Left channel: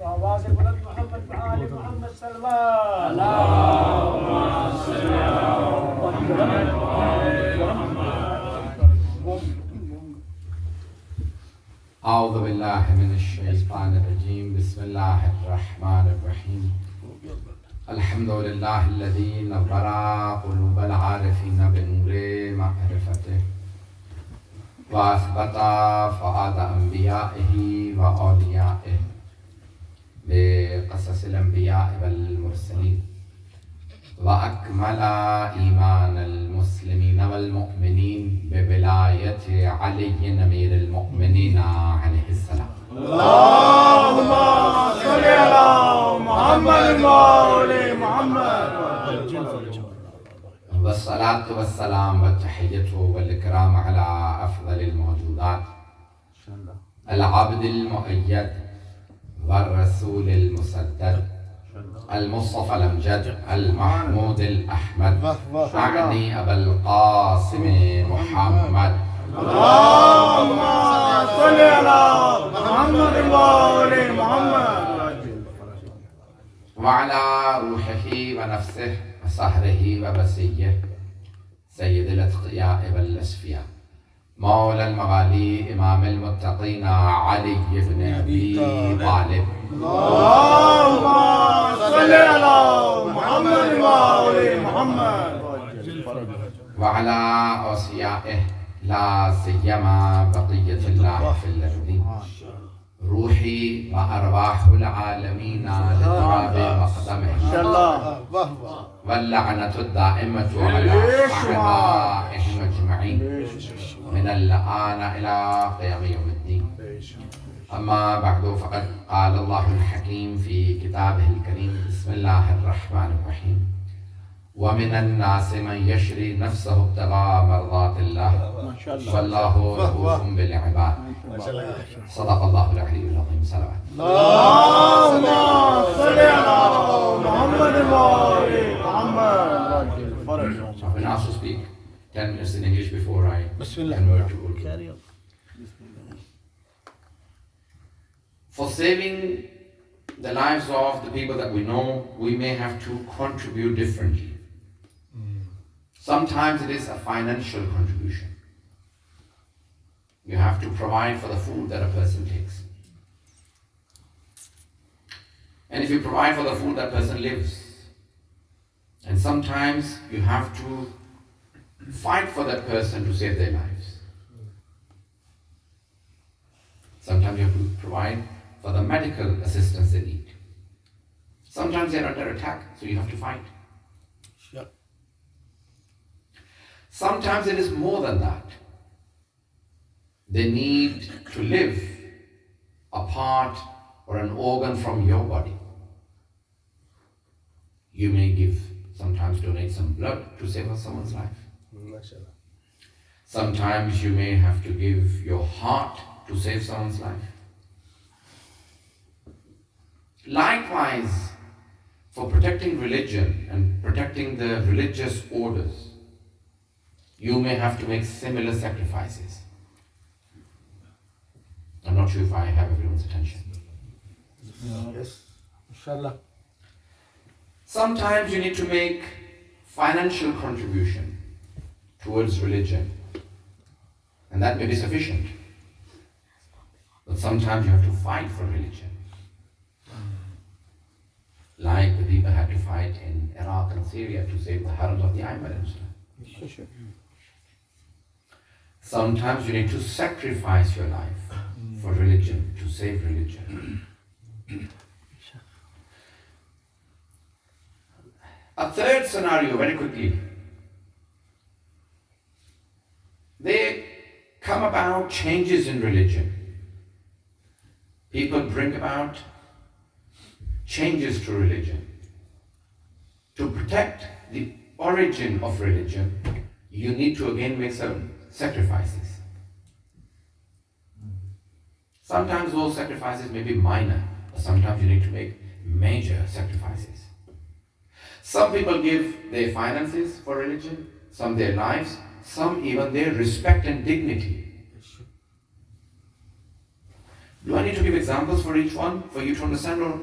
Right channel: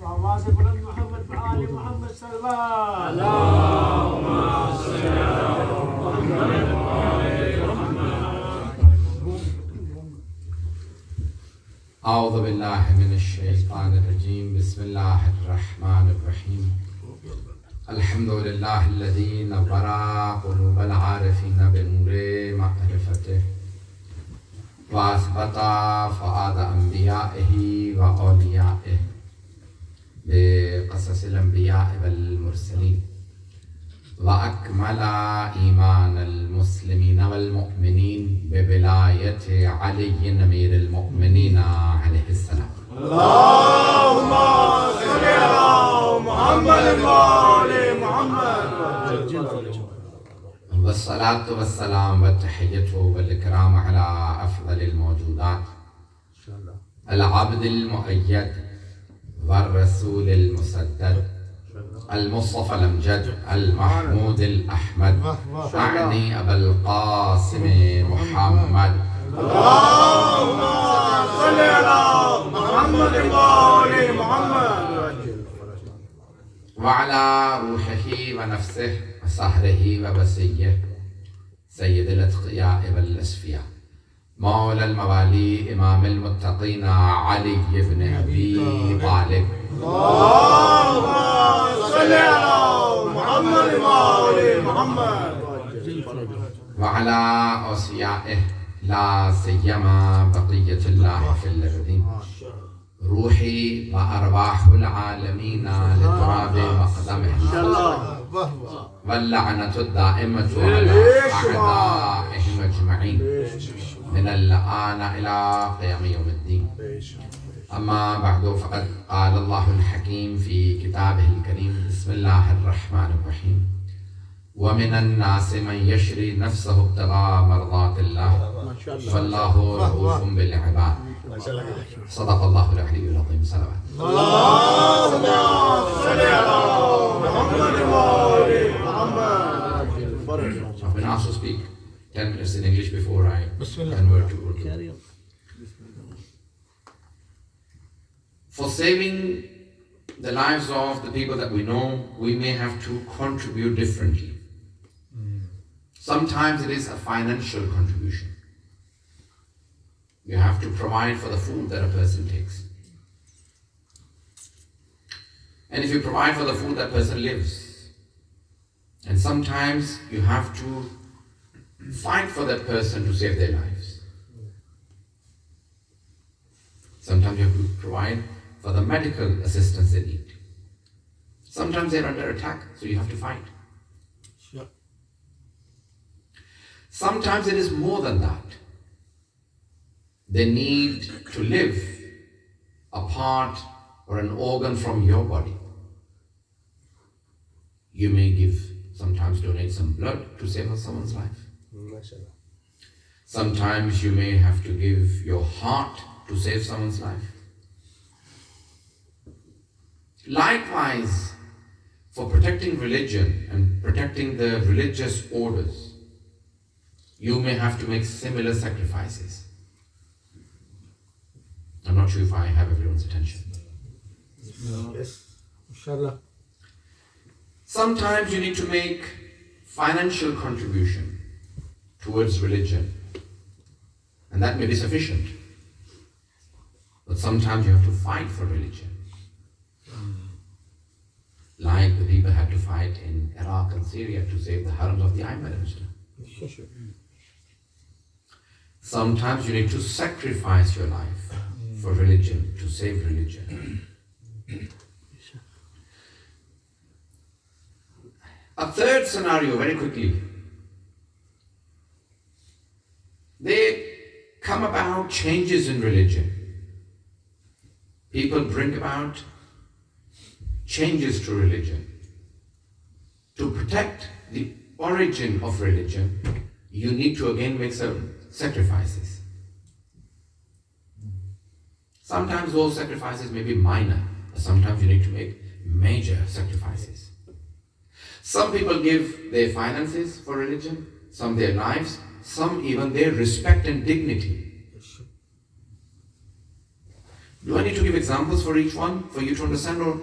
وآواز بلند محمد وآل محمد صلی اللہ اللہم صلی علی محمد. اعوذ باللہ من الشیطان الرجیم. بسم اللہ الرحمن الرحیم. الحمد للہ الذی نور قلوب العارفین بنور معرفته واثبت فؤاد انبیائه واولیائه بقصص الانبیاء والمرسلین واکمل ایمان المسلمین والمؤمنین بولایت علی امیر المؤمنین علیہ السلام. اللہم صلی علی محمد وآل محمد. والصلاة والسلام والتحیۃ والاکرام علی افضل الموجودات العبد المؤید والرسول المسدد المصطفى الامجد المحمود الاحمد اعنی ابا القاسم محمد. اللہم صلی علی محمد وآل محمد. وعلى روحه ونفسه وسهره وبسيه سيد الاتقياء والاصفياء مولى الموالي امام المتقين علي بن ابي طالب. اللہم صلی علی محمد وآل محمد. وعلى اوصيائه لا سيما بقية الله في الارض روحي وارواح العالمين لتراب مقدمه واللعنة الدائمة على أعدائهم أجمعين من الآن إلى قيام يوم الدين. أما بعد فقد قال الله الحكيم في كتابه الكريم. بسم الله الرحمن الرحيم. ومن الناس من يشري نفسه ابتغاء مرضات الله والله رؤوف بالعباد. صدق الله العلي العظيم. صلوات. اللہم صلی علی محمد وآل محمد. I've been asked to speak 10 minutes in English before I convert to Urdu. For saving the lives of the people that we know, we may have to contribute differently. Sometimes it is a financial contribution. You have to provide for the food that a person takes. And if you provide for the food, that person lives. And sometimes you have to fight for that person to save their lives. Sometimes you have to provide for the medical assistance they need. Sometimes they're under attack, so you have to fight. Sometimes it is more than that. They need to live a part or an organ from your body. You may sometimes donate some blood to save someone's life. Sometimes you may have to give your heart to save someone's life. Likewise, for protecting religion and protecting the religious orders, you may have to make similar sacrifices. I'm not sure if I have everyone's attention. Yes, inshallah. Sometimes you need to make financial contribution towards religion, and that may be sufficient. But sometimes you have to fight for religion. Like the people had to fight in Iraq and Syria to save the harams of the Ayman. Sometimes you need to sacrifice your life for religion, to save religion. A third scenario, very quickly. They come about changes in religion. People bring about changes to religion. To protect the origin of religion, you need to again make some sacrifices. Sometimes those sacrifices may be minor, but sometimes you need to make major sacrifices. Some people give their finances for religion, some their lives, some even their respect and dignity. Do I need to give examples for each one for you to understand, or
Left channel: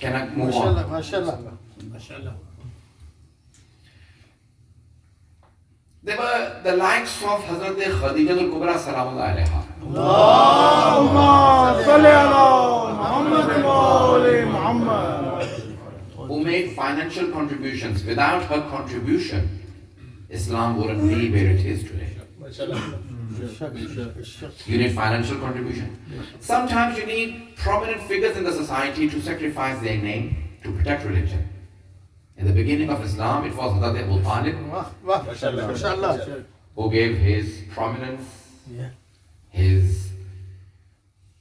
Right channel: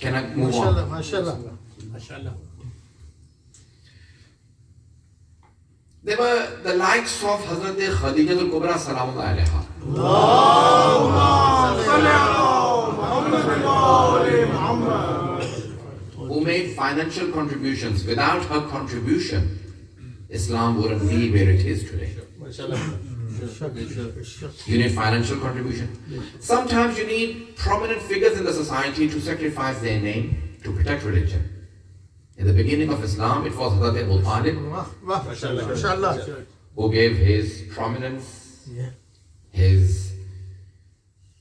can I move on? MashaAllah. They were the likes of Hazrat Khadija al-Kubra salamullah alayha. Who made financial contributions. Without her contribution, Islam wouldn't be where it is today. You need financial contribution. Sometimes you need prominent figures in the society to sacrifice their name to protect religion. In the beginning of Islam, it was Hazrat Abu Talib who gave his prominence, his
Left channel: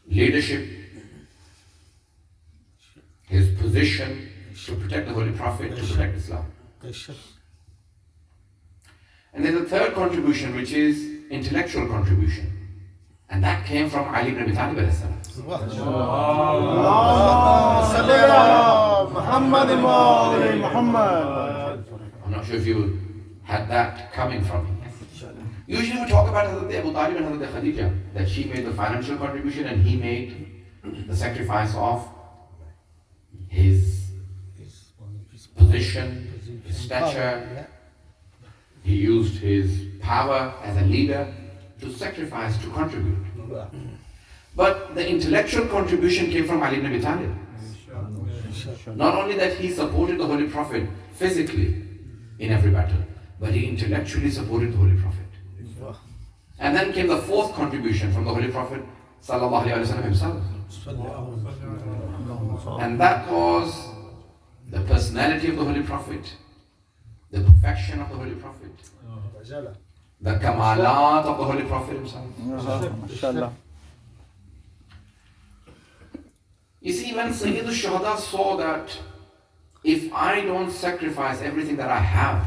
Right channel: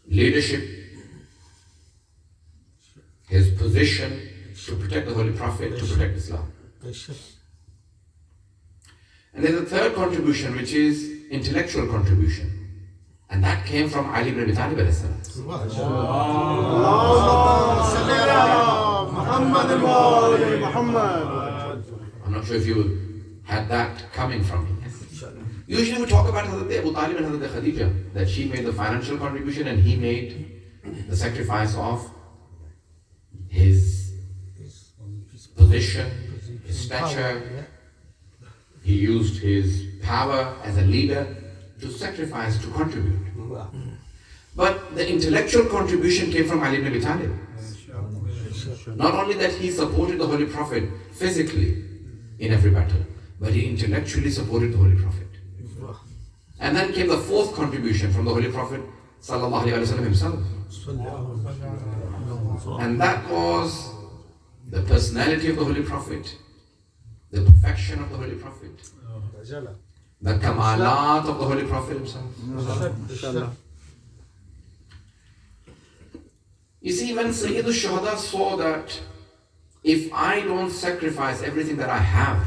leadership, his position to protect the Holy Prophet, to protect Islam. And there's a third contribution, which is intellectual contribution. And that came from Ali ibn Abi Talib alayhi salam. I'm not sure if you had that coming from him. Usually we talk about Hazrat Abu Talib and Hazrat Khadija, that she made the financial contribution and he made the sacrifice of his position, his stature. He used his power as a leader to sacrifice, to contribute. But the intellectual contribution came from Ali ibn Abi Talib. Not only that he supported the Holy Prophet physically in every battle, but he intellectually supported the Holy Prophet. And then came the fourth contribution from the Holy Prophet sallallahu alaihi wasallam himself. And that was the personality of the Holy Prophet, the perfection of the Holy Prophet, the kamalat of the Holy Prophet himself. You see, when Sayyid al-Shuhada saw that if I don't sacrifice everything that I have,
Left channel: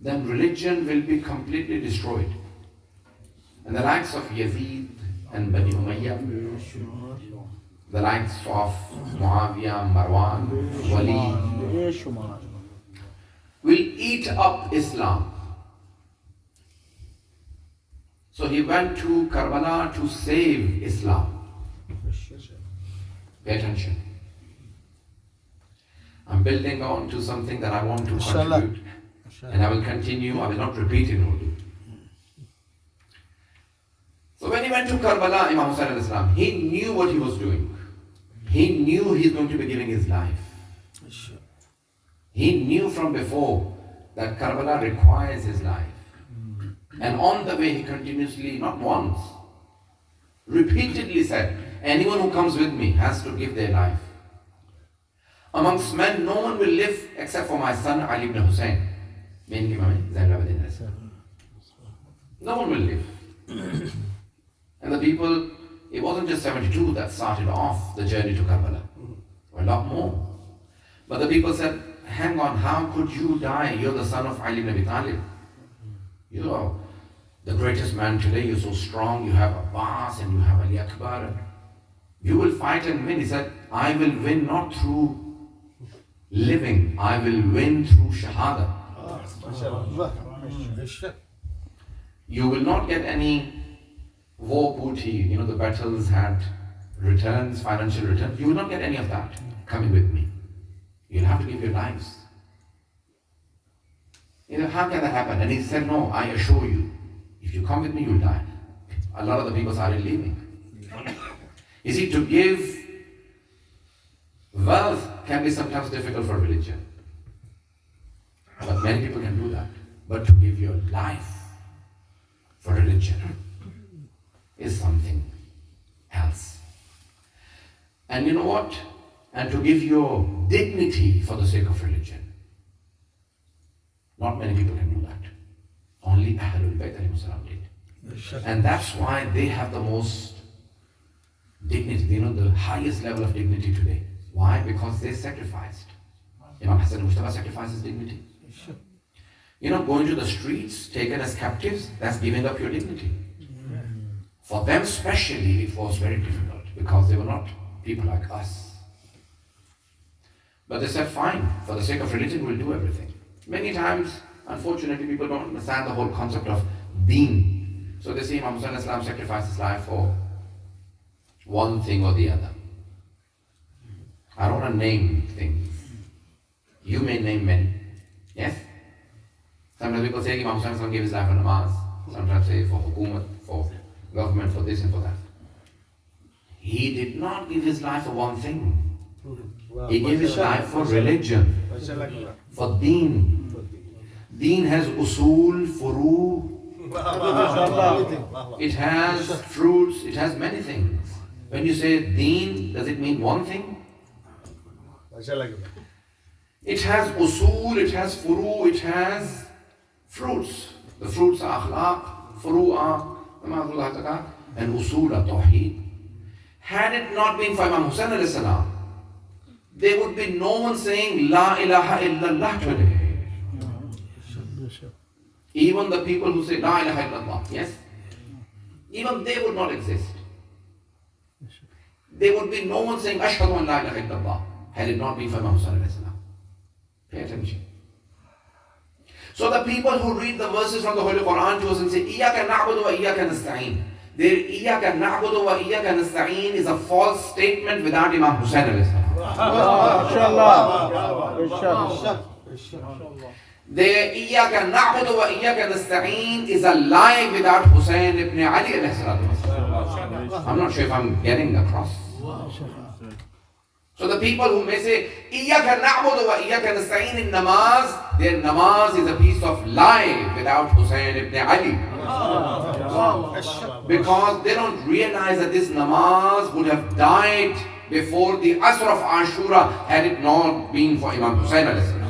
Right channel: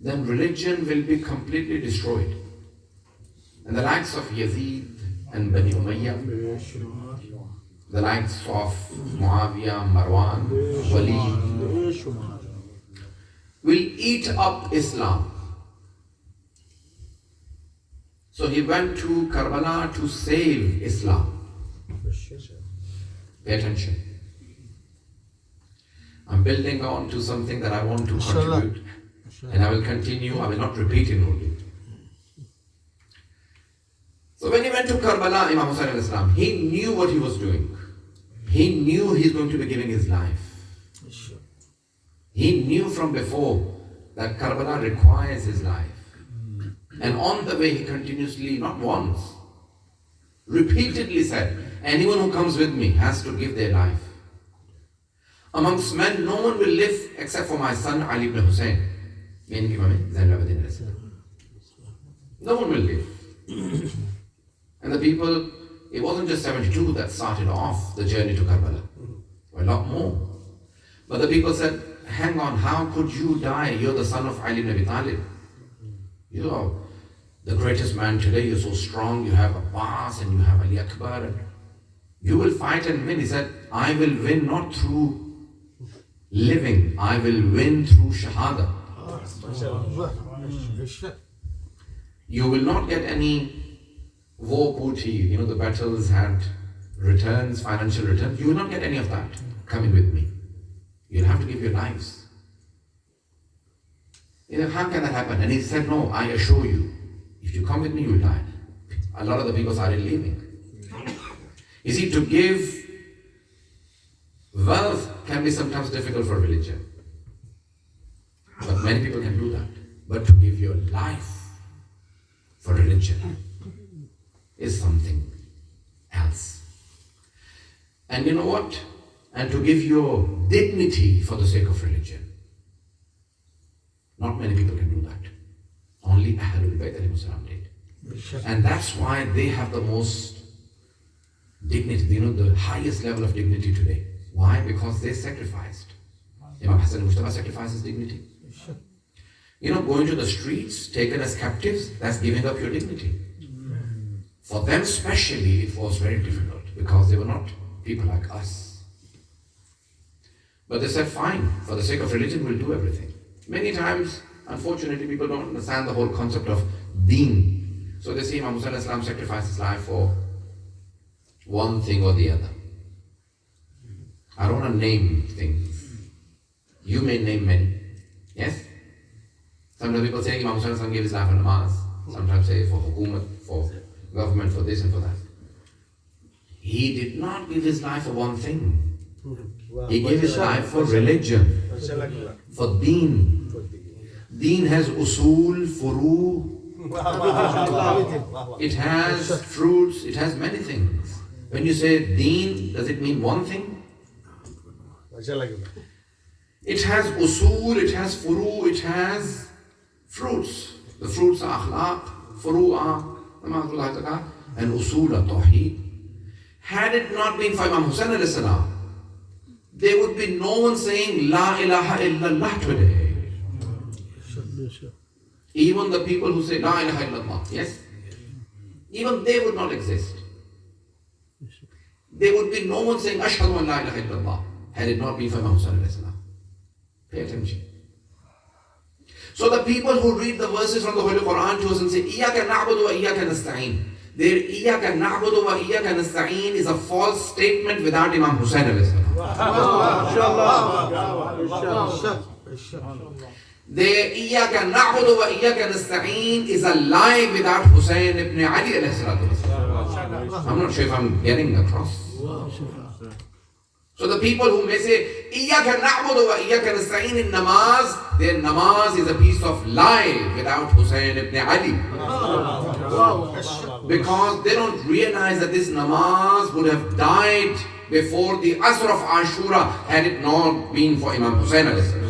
then religion will be completely destroyed. And the likes of Yazid and Bani Umayyah, the likes of Muawiyah, Marwan, Walid, will eat up Islam. So he went to Karbala to save Islam. Pay attention. I'm building on to something that I want to contribute. And I will continue, I will not repeat in Urdu. So when he went to Karbala, Imam Hussain al-Islam, he knew what he was doing. He knew he's going to be giving his life. He knew from before that Karbala requires his life. And on the way he continuously, not once, repeatedly said, anyone who comes with me has to give their life. Amongst men, no one will live except for my son Ali ibn Hussein. No one will live. And the people, it wasn't just 72 that started off the journey to Karbala. A lot more. But the people said, hang on, how could you die? You're the son of Ali ibn Abi Talib. You are the greatest man today. You're so strong. You have Abbas and you have Ali Akbar. And you will fight and win. He said, I will win not through living. I will win through Shahada. You will not get any war booty. The battles had returns, financial returns. You will not get any of that coming with me. You'll have to give your lives. How can that happen? And he said, no, I assure you, if you come with me, you'll die. A lot of the people started leaving. You see, to give wealth can be sometimes difficult for religion. But many people can do that. But to give your life for religion is something else. And you know what? And to give your dignity for the sake of religion. Not many people can do that. Only Ahlul Bayt alayhi salam did. And that's why they have the most dignity, the highest level of dignity today. Why? Because they sacrificed. Imam Hassan Mustafa sacrificed his dignity. Going to the streets, taken as captives, that's giving up your dignity. For them especially, it was very difficult because they were not people like us. But they said, fine, for the sake of religion, we'll do everything. Many times, unfortunately, people don't understand the whole concept of deen. So they say Imam Hussain al-Islam sacrificed his life for one thing or the other. I don't want to name things. You may name many. Yes? Sometimes people say Imam Hussain gave his life for namaz. Sometimes say for hukumat, for government, for this and for that. He did not give his life for one thing. He gave his life for religion, for deen. Deen has usul, furu, it has fruits, it has many things. When you say deen, does it mean one thing? It has usul, it has furu, it has fruits. The fruits are akhlaq, furu are namazullah and usul are tawheed. Had it not been for Imam Hussain alayhi salam, there would be no one saying La ilaha illallah today. Even the people who say La ilaha illallah, yes? Even they would not exist. There would be no one saying Ashhadu an la ilaha illallah had it not been for Imam Hussain alayhi salam. Pay attention. So the people who read the verses from the Holy Quran to us and say Iyaka na'budu wa iyaka nasta'een. Their Iyaka na'budu wa iyaka nasta'een is a false statement without Imam Hussain alayhi salam. Their Iyaka na'budu wa iyaka nasta'een is a lie without Hussain ibn Ali alayhi salam. I'm not sure if I'm getting across. So the people who may say Iyaka na'budu wa iyaka nasta'een in namaz, their namaz is a piece of lie without Hussain ibn Ali. Because they don't realize that this namaz would have died before the Asr of Ashura had it not been for Imam Hussain alayhi salam.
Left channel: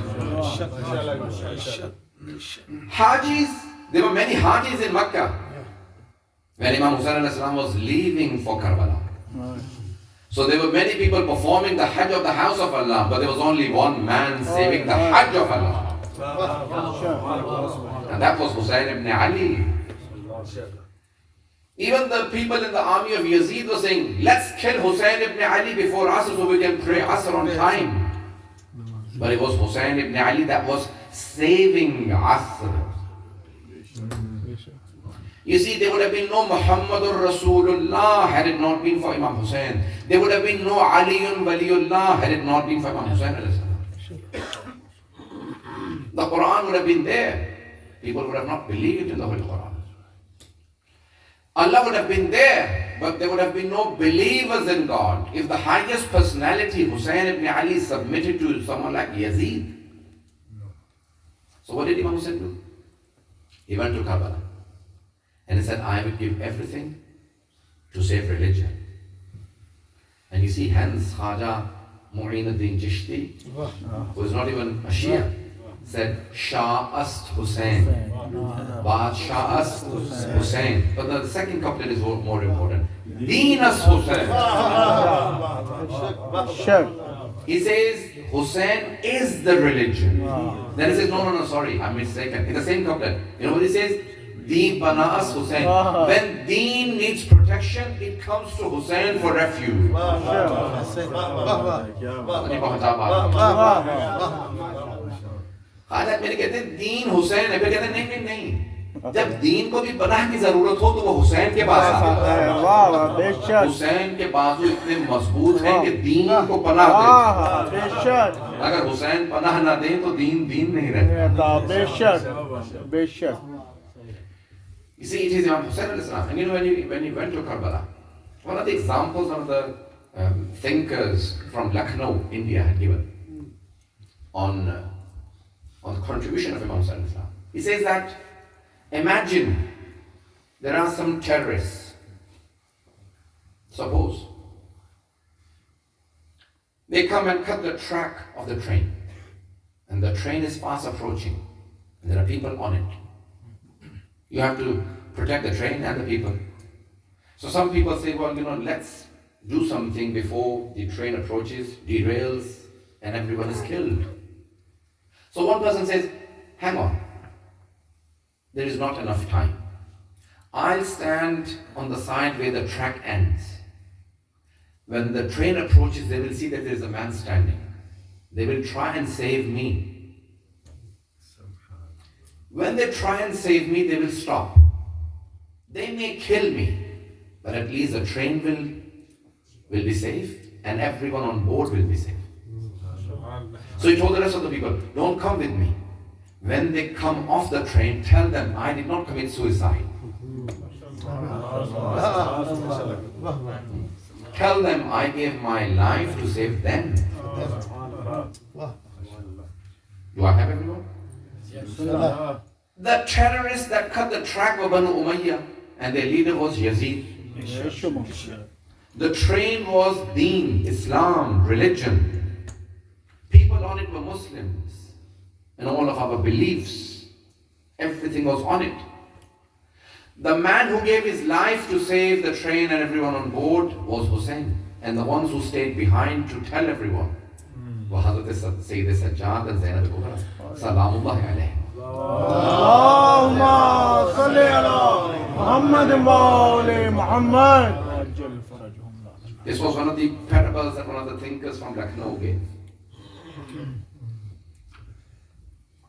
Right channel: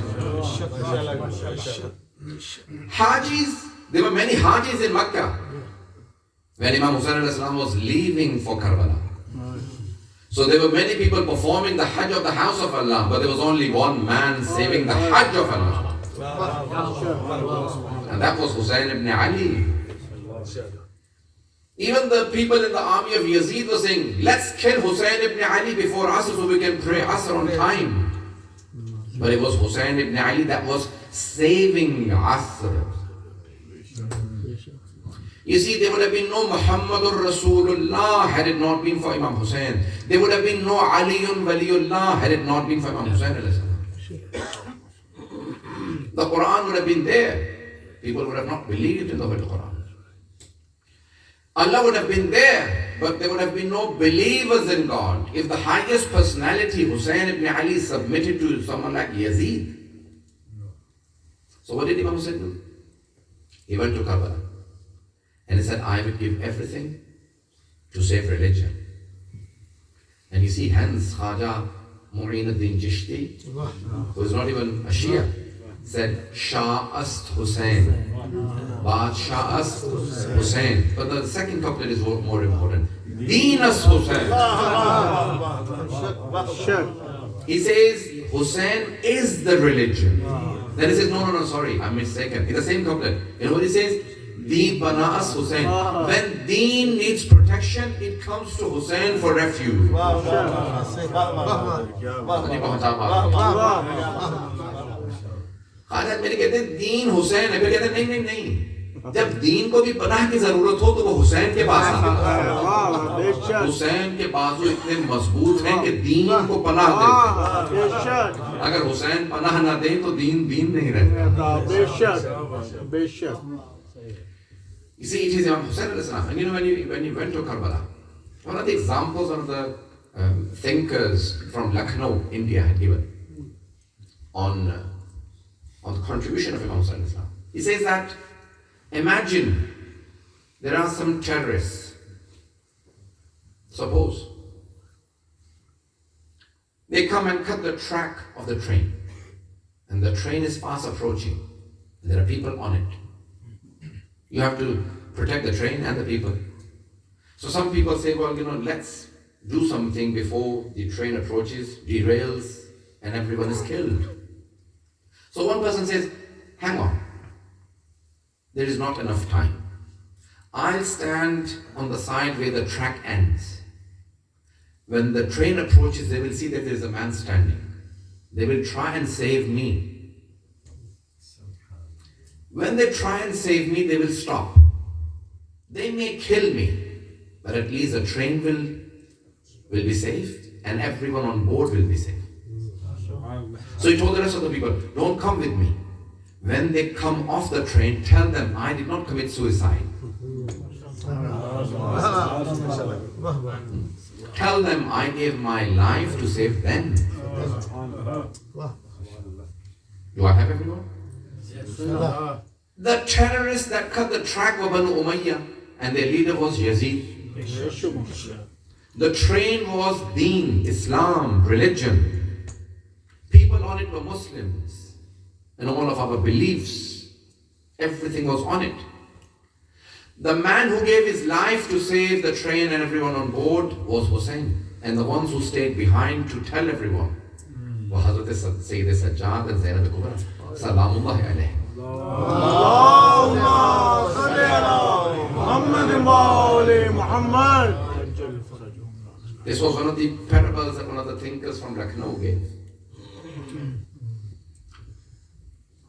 Hajis, there were many Hajis in Makkah when Imam Hussain alayhi salam was leaving for Karbala. So there were many people performing the Hajj of the house of Allah, but there was only one man saving the Hajj of Allah. And that was Hussain ibn Ali. Even the people in the army of Yazid were saying, let's kill Hussain ibn Ali before Asr so we can pray Asr on time. But it was Hussain ibn Ali that was saving Asr. You see, there would have been no Muhammadur Rasulullah had it not been for Imam Hussain. There would have been no Aliyun Waliullah had it not been for Imam Hussain. The Quran would have been there. People would have not believed in the Holy Quran. Allah would have been there, but there would have been no believers in God if the highest personality, Hussain ibn Ali, submitted to someone like Yazid. So what did Imam Hussain do? He went to Karbala and he said, I will give everything to save religion. And you see, hence Khaja Mu'inuddin Chishti, who is not even a Shia, said, Shah-ast Hussain. Badshah-ast Hussain. But the second couplet is more important. Deen-ast Hussain. He says, Hussain is the religion. Then he says, no, sorry, I'm mistaken. In the same couplet, you know what he says? Deen Bana-ast Hussain. When Deen needs protection, it comes to Hussain for refuge. خواجہ میرے کہتے ہیں دین حسین ہے، پھر کہتے ہیں نہیں جب دین کو بھی پناہ کی ضرورت ہو تو وہ حسین کے پاس آتا ہے. حسین کے بازو اتنے مضبوط ہیں کہ دین کو پناہ دیتے. اگر حسین پناہ نہ دیں تو دین نہیں رہتا. You see, it is Imam Hussain al-Islam. And you know, when you went to Karbala, one of the examples of the thinkers from Lucknow, India, had given on the contribution of Imam Hussain al-Islam. He says that, imagine there are some terrorists. Suppose they come and cut the track of the train, and the train is fast approaching, and there are people on it. You have to protect the train and the people. So some people say, well, let's do something before the train approaches, derails, and everyone is killed. So one person says, hang on, there is not enough time. I'll stand on the side where the track ends. When the train approaches, they will see that there is a man standing. They will try and save me. When they try and save me, they will stop. They may kill me, but at least the train will will be safe and everyone on board will be safe. So he told the rest of the people, don't come with me. When they come off the train, tell them I did not commit suicide. Tell them I gave my life to save them. Do I have everyone? The terrorists that cut the track were Banu Umayyah and their leader was Yazid. The train was Deen, Islam, religion. People on it were Muslims and all of our beliefs. Everything was on it. The man who gave his life to save the train and everyone on board was Hussein. And the ones who stayed behind to tell everyone were Hazrat Sayyid Sajjad and Zainab Kubra. Salamullahi alayhi. This was one of the parables that one of the thinkers from Lucknow gave.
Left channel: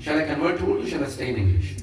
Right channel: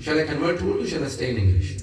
shall I convert to Urdu? Shall I stay in English?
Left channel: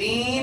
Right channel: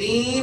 3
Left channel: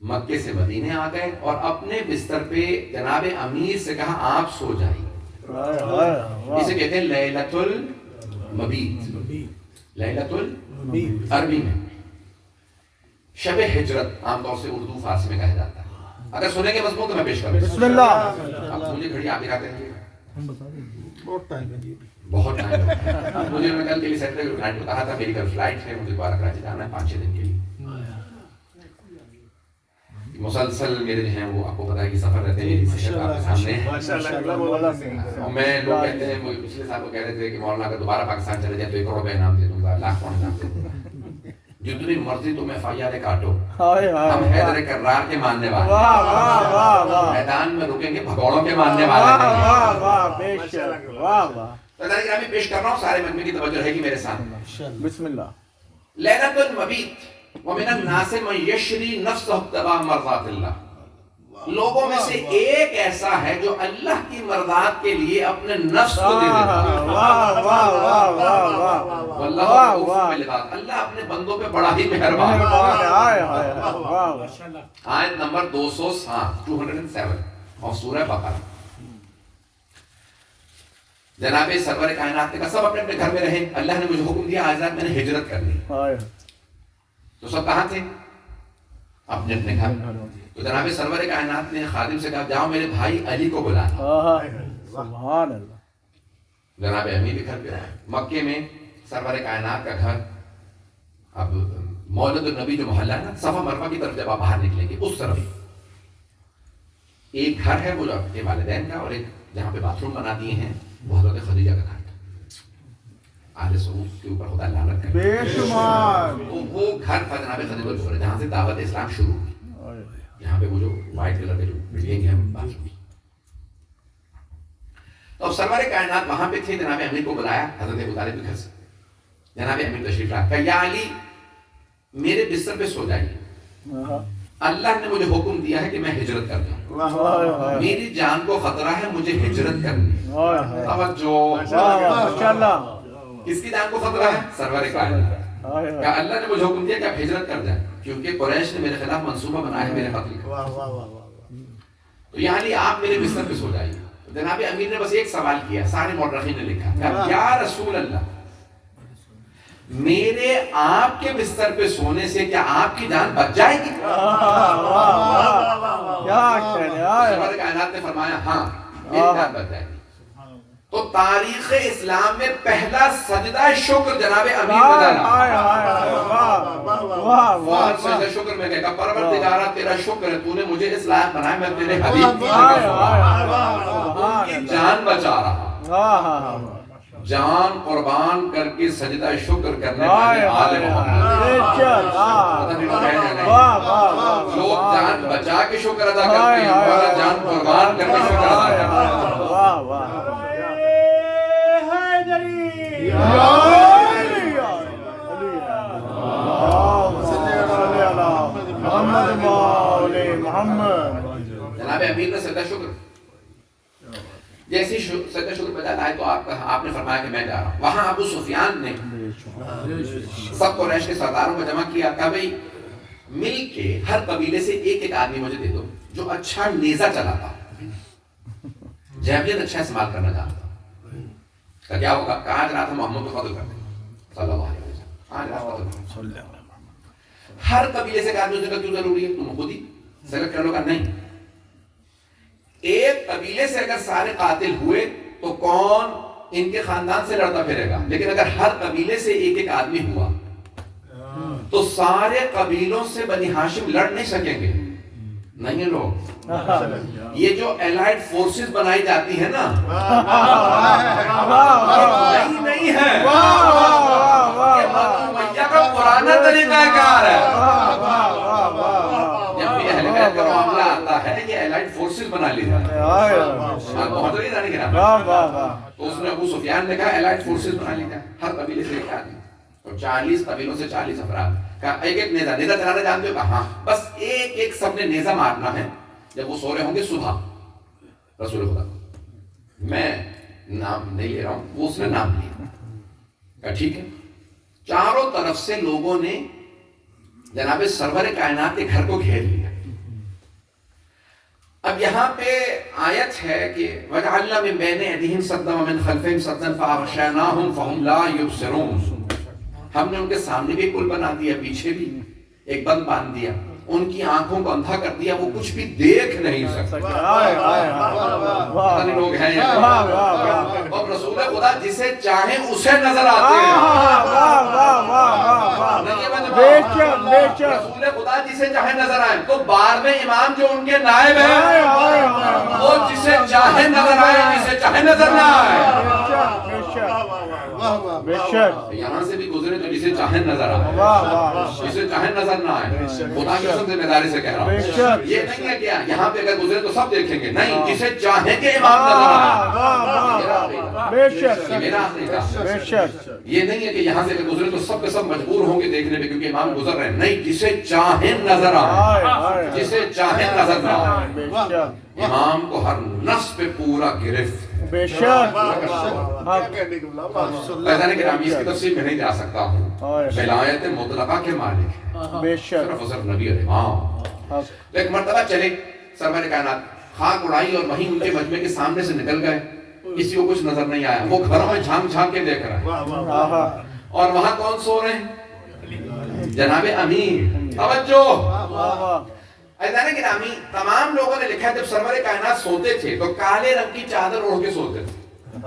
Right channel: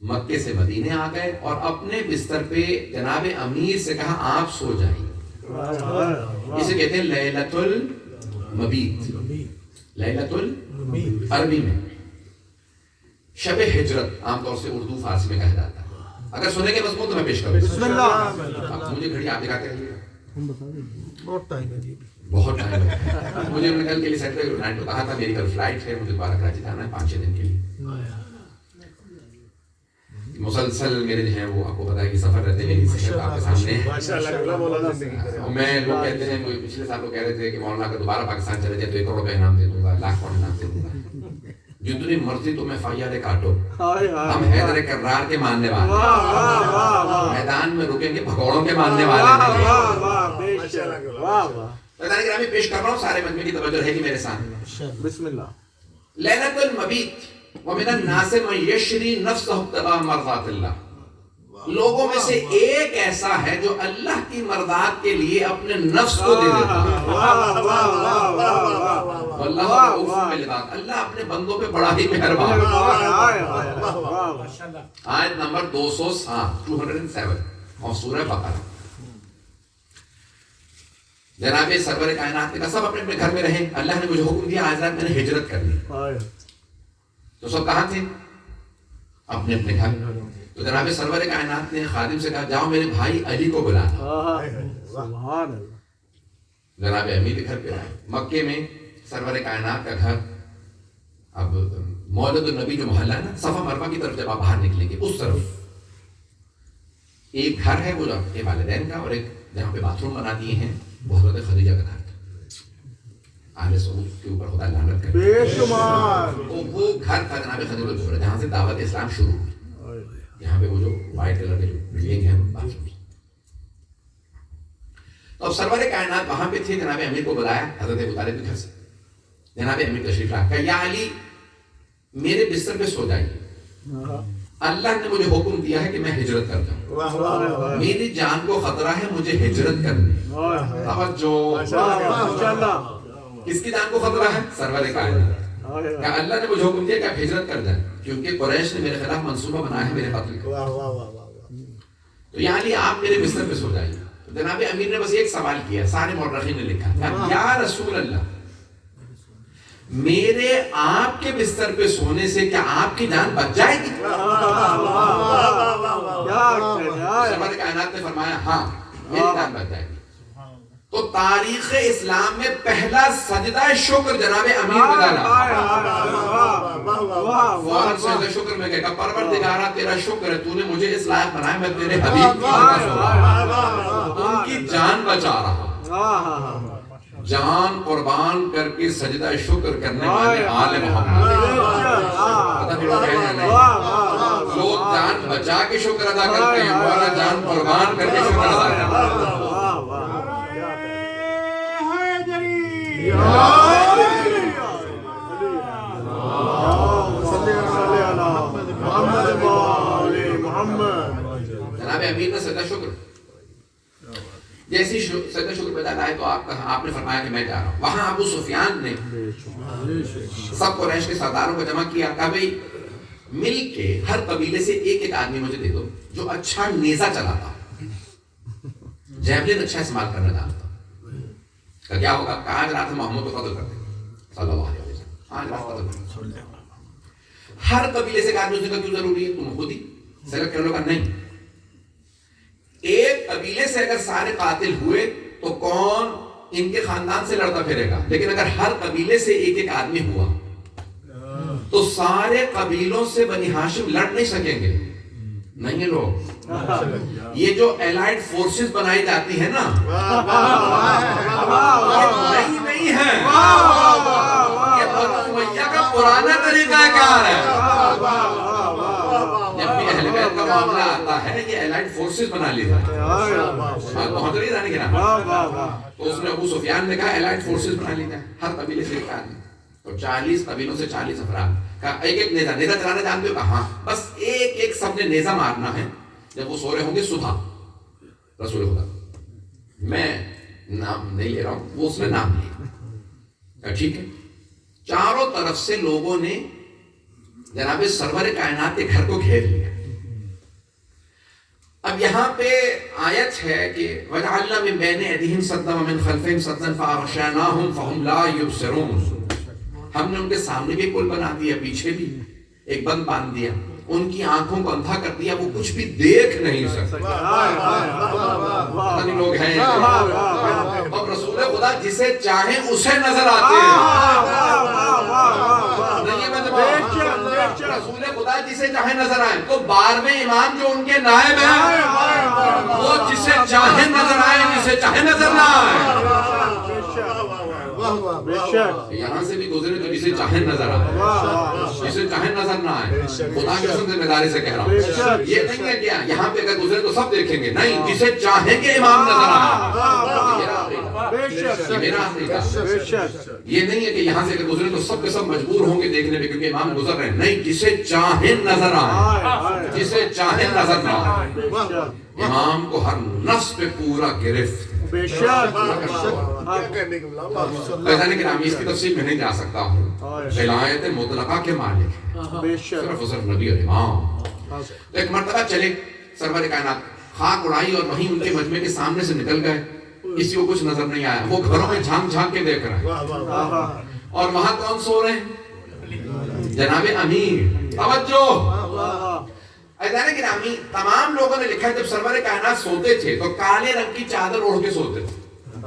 مکے سے مدینے آ گئے اور اپنے بستر پہ جناب امیر سے کہا آپ سو جائیے. اسے کہتے ہیں لیلۃ المبیت. لیلۃ المبیت عربی میں شب ہجرت عام طور سے اردو فارسی میں کہا جاتا ہے. اگر سنیں گے مضمون تو میں پیش کروں. بسم اللہ. مجھے گھڑی آپ دکھاتے رہیے. بہت ٹائم مجھے میں کل کے لیے سیٹرڈے نائٹ کو کہا تھا میری کل فلائٹ ہے, مجھے دوبارہ کراچی جانا ہے 5-6 دن کے لیے. مسلسل میرے جو ہیں وہ آپ کو پتا ہے کہ سفر رہتے ہیں میری صحت آپ کے سامنے. اور میں لوگ کہتے ہیں پچھلے سال تو کہہ رہے تھے کہ مولانا اگر دوبارہ پاکستان چلے جائے تو 1 کروڑ کا انعام دے دوں گا, لاکھ کا انعام دے دوں گا. جتنی مرضی تم FIR کاٹو, ہم حیدر کرار کے ماننے والے ہیں. میدان میں رکیں گے بھگوڑوں کے ماننے والے ہیں. پیش کر رہا ہوں, سارے مجمع کی توجہ رہے گی میرے سامنے. بسم اللہ. لیلۃ المبیت ومن الناس من یشری نفسہ ابتغاء مرضات اللہ. لوگوں میں سے ایک ایسا ہے جو اللہ کی مرضات کے لیے اپنے نفس کو دے دیتا ہے. واللہ رؤوف بالعباد. اللہ اپنے بندوں پہ بڑا ہی مہربان ہے. آیت نمبر 207 اور سورہ بقرہ. جناب سرور کائنات نے کہا سب اپنے اپنے گھر میں رہیں. اللہ نے مجھے حکم دیا آج رات میں نے ہجرت کرنی. تو سب کہاں تھے؟ اپنے اپنے گھر. تو جناب سرور کائنات نے خادم سے کہا جاؤ میرے بھائی علی کو بلانا. جناب امیر گھر پہ آئے. مکے میں سرور کائنات کا گھر, اب مولد النبی جو محلہ ہے نا, صفا مروہ کی طرف جب آپ باہر نکلیں گے اس طرف ایک گھر ہے وہ آپ کے والدین کا, اور ایک جہاں پہ باتھ روم بنا دیے ہیں وہ حضرت خدیجہ کا گھر تھا. آل سعود کے اوپر خدا لعنت کرے. بے شمار. تو وہ گھر تھا جناب خدیجہ الکبریٰ جہاں سے دعوت اسلام شروع ہوئی. یہاں پہ وہ جو وائٹ کلر کے جو بلڈنگ ہے باتھ روم. تو اب سرور کائنات وہاں پہ تھے. جناب امیر کو بلایا حضرت ابو طالب کے گھر سے. جناب امیر تشریف لایا, کہا یا علی میرے بستر پہ سو جائیے. اللہ نے مجھے حکم دیا ہے کہ میں ہجرت کر جاؤں. میری جان کو خطرہ ہے, مجھے ہجرت کرنی. کس کی جان کو خطرہ ہے؟ سرور کائنات. کہ اللہ نے مجھے حکم دیا کہ آپ ہجرت کر جائیں کیونکہ قریش نے میرے خلاف منصوبہ بنایا ہے میرے قتل کا. تو یعنی آپ میرے بستر پہ سو جائیے. جناب امیر نے بس ایک سوال کیا, سارے مورخین نے لکھا کہ یا رسول اللہ میرے آپ کے بستر پہ سونے سے کیا آپ کی جان بچ جائے گی؟ سرور کائنات نے فرمایا ہاں میری جان بچ جائے گی. تو تاریخ اسلام میں پہلا سجدہ شکر جناب امیر میں ڈالا. فوراً سجدہ شکر میں کہا پروردگارا تیرا شکر ہے, تو نے مجھے اس لائق بنایا میں تیرے حبیب ان کی جان بچا رہا. جان قربان کر کے سجدہ شکر کرنے والے آل محمد. لوگ جان بچا کے شکر ادا کرتے ہیں, مولا جان قربان کر کے شکر ادا کرتے ہیں. جناب امیر نے سجدہ شکر جیسی سجدہ شکر پیدا لائے تو آپ نے فرمایا کہ میں جا رہا ہوں. وہاں ابو سفیان نے سب قریش کے سرداروں کو جمع کیا, کہا بھئی مل کے ہر قبیلے سے ایک ایک آدمی مجھے دے دو جو اچھا نیزہ چلاتا, جیولن اچھا استعمال کرنا جانتا. کہ کیا ہوگا؟ کہا جناب محمود کو قتل کر دیں صلی اللہ علیہ وسلم. ہر قبیلے سے کہا جو کیوں ضروری ہے, تم خود ہی سلیکٹ کر لو. کا نہیں, ایک قبیلے سے اگر سارے قاتل ہوئے تو کون ان کے خاندان سے لڑتا پھرے گا, لیکن اگر ہر قبیلے سے ایک ایک آدمی ہوا تو سارے قبیلوں سے بنی ہاشم لڑ نہیں سکیں گے. نہیں ہے لوگ, یہ جو الائڈ فورسز بنائی جاتی ہیں نا یہ نہیں ہے, یہ بنو امیہ کا پرانا طریقہ کار ہے. جب بھی اہل بیت کا معاملہ آتا ہے یہ الائڈ فورسز بنا لی جاتی ہیں. محمد علی رانی کے نام تو اس نے ابو سفیان نے کہا الائڈ فورسز بنا لی جائیں, ہر قبیلے سے ایک آدمی. تو 40 قبیلوں سے 40 افراد. کہا ایک ایک نیزہ چلانا جانتے ہو؟ کہا ہاں. بس ایک ایک سب نے نیزہ مارنا ہے جب وہ سو رہے ہوں گے صبح. رسول خدا میں نام نہیں لے رہا ہوں, وہ اس نے نام لیا. کہا ٹھیک ہے. چاروں طرف سے لوگوں نے جناب سرور کائنات کے گھر کو گھیر لیا. اب یہاں پہ آیت ہے کہ وَجَعَلْنَا مِن بَيْنِ أَيْدِيهِمْ سَدًّا وَمِن خَلْفِهِمْ سَدًّا فَأَغْشَيْنَاهُمْ فَهُمْ لَا يُبْصِرُونَ. ہم نے ان کے سامنے بھی پل بنا دیا, پیچھے بھی ایک بند باندھ دیا, ان کی آنکھوں کو اندھا کر دیا, وہ کچھ بھی دیکھ نہیں سکتے. پتہ نہیں لوگ ہیں یہاں. اور رسول خدا جسے چاہیں اسے نظر آتے ہیں. رسول خدا جسے چاہے نظر آئے. تو 12ویں امام جو ان کے نائب ہیں وہ جسے چاہے نظر آئے, جسے چاہے نظر نہ آئے. یہاں سے بھی گزرے تو جسے چاہے نظر آئے, جسے چاہے نظر نہ آئے. خدا کی قسم ذمہ داری سے کہہ رہا ہوں, یہ نہیں ہے کہ یہاں پہ اگر گزرے تو سب دیکھیں گے, نہیں, جسے چاہیں گے امام نظر آئے. میرا عقیدہ یہ نہیں ہے کہ یہاں سے اگر گزرے تو سب کے سب مجبور ہوں گے دیکھنے پہ کیونکہ امام گزر رہے ہیں. نہیں, جسے چاہیں نظر آئے, جسے چاہیں نظر نہ آئے. امام کو ہر نفس پہ پورا گرفت. فیضان گرامی, اس کی تفصیل میں نہیں جا سکتا ہوں. ولایت مطلقہ کے مالک ہیں صرف اور صرف نبی اور امام. ایک مرتبہ چلے سرور کائنات, خاک اڑائی اور وہیں ان کے مجمع کے سامنے سے نکل گئے. کسی کو کچھ نظر نہیں آیا. وہ گھروں میں جھانک جھانک کے دیکھ رہے ہیں, اور وہاں کون سو رہے ہیں؟ جناب امیر. توجہ. فیضان گرامی, تمام لوگوں نے لکھا ہے جب سرور کائنات سوتے تھے تو کالے رنگ کی چادر اوڑھ کے سوتے تھے.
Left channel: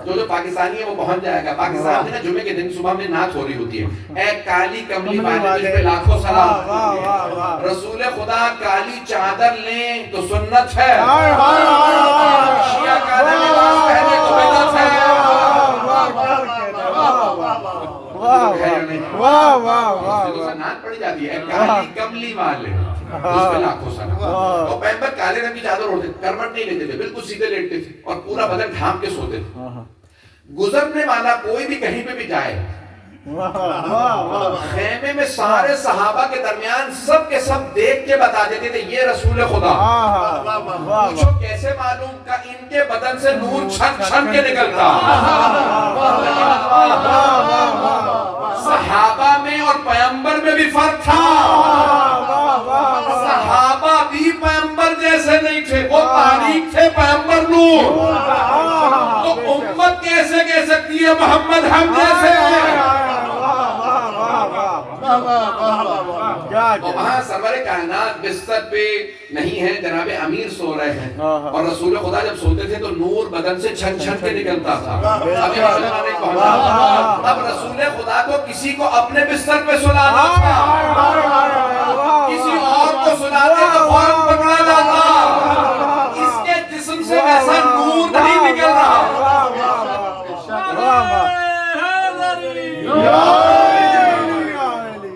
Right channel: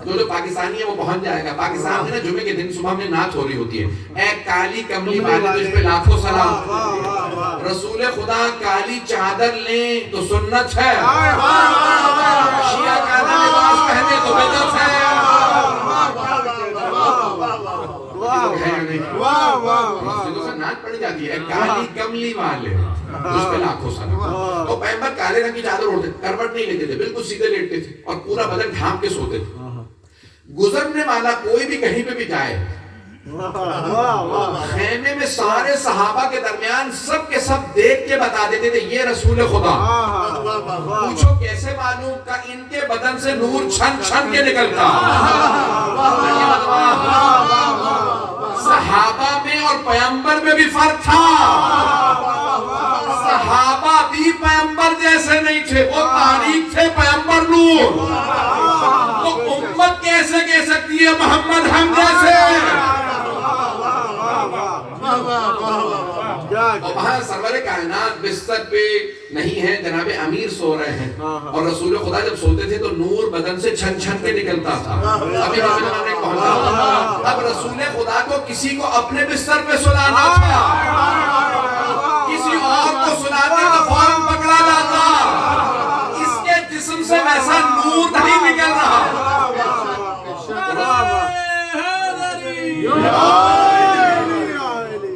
جو پاکستانی ہے وہ پہنچ جائے گا. پاکستان میں نا جمعے کے دن صبح میں نعت ہو رہی ہوتی ہے, اے کالی کملی والے تجھ پہ لاکھوں سلام. رسول خدا کالی چادر لیں تو سنت ہے, شیعہ کالا لباس پہنے تو بدعت ہے. نعت پڑھی جاتی ہے, اے کالی کملی والے اس پہ لاکھوں سلام. تو پیغمبر کالے رنگ کی چادر اوڑھتے تھے, کروٹ نہیں لیتے تھے, بالکل سیدھے لیٹتے تھے اور پورا بدن ڈھانپ کے سوتے تھے. گزرنے والا کوئی بھی کہیں پہ بھی جائے, خیمے میں سارے صحابہ کے درمیان سب کے سب دیکھ کے بتا دیتے تھے یہ رسول خدا. پوچھو کیسے معلوم, کہ ان کے بدن سے نور چھن چھن کے نکلتا. صحابہ میں اور پیغمبر میں بھی فرق تھا. صحابہ بھی پیغمبر جیسے نہیں تھے, وہ تاریخ تھے, پیغمبر نور. تو امت کیسے کہہ سکتی ہے محمد ہم جیسے؟ اور وہاں سرور کائنات بستر پہ نہیں ہے, جناب امیر سو رہے ہیں, اور رسول خدا جب سوتے تھے تو نور بدن سے چھن چھن کے نکلتا تھا. ابھی رسول نے پہنچا, اب رسول خدا کو کسی کو اپنے بستر پہ سلانا تھا, کسی اور کو سلاتے تو فوراً پکڑا جاتا. اس کے جسم سے ویسا نور نہیں نکل رہا.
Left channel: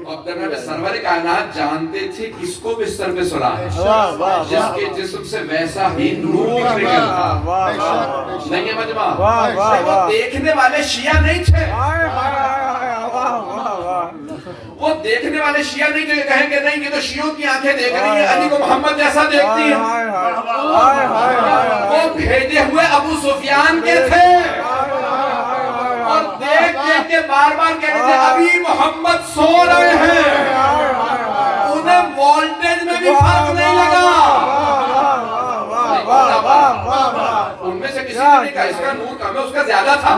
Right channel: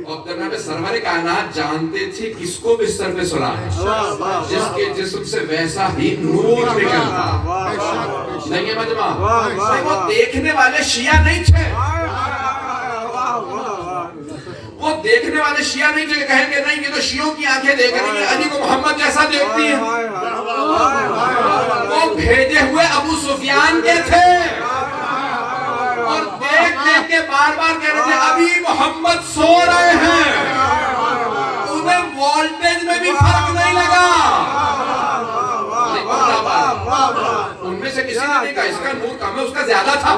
اور جناب سرور کائنات جانتے تھے کس کو بستر پہ سلانا, جس کے جسم سے ویسا ہی نور نکلتا. نہیں ہے مجمع, وہ دیکھنے والے شیعہ نہیں تھے. وہ دیکھنے والے شیعہ نہیں تھے, کہیں گے نہیں یہ تو شیعوں کی آنکھیں دیکھ رہی ہیں, علی کو محمد جیسا دیکھتی ہیں. وہ بھیجے ہوئے ابو سفیان کے تھے, اور دیکھ دیکھ کے بار بار کہہ رہے تھے ابھی محمد سو رہے ہیں. انہیں وولٹیج میں بھی فرق نہیں لگا. ان میں سے کسی نے نہیں کہا اس کا نور کم ہے, اس کا زیادہ تھا,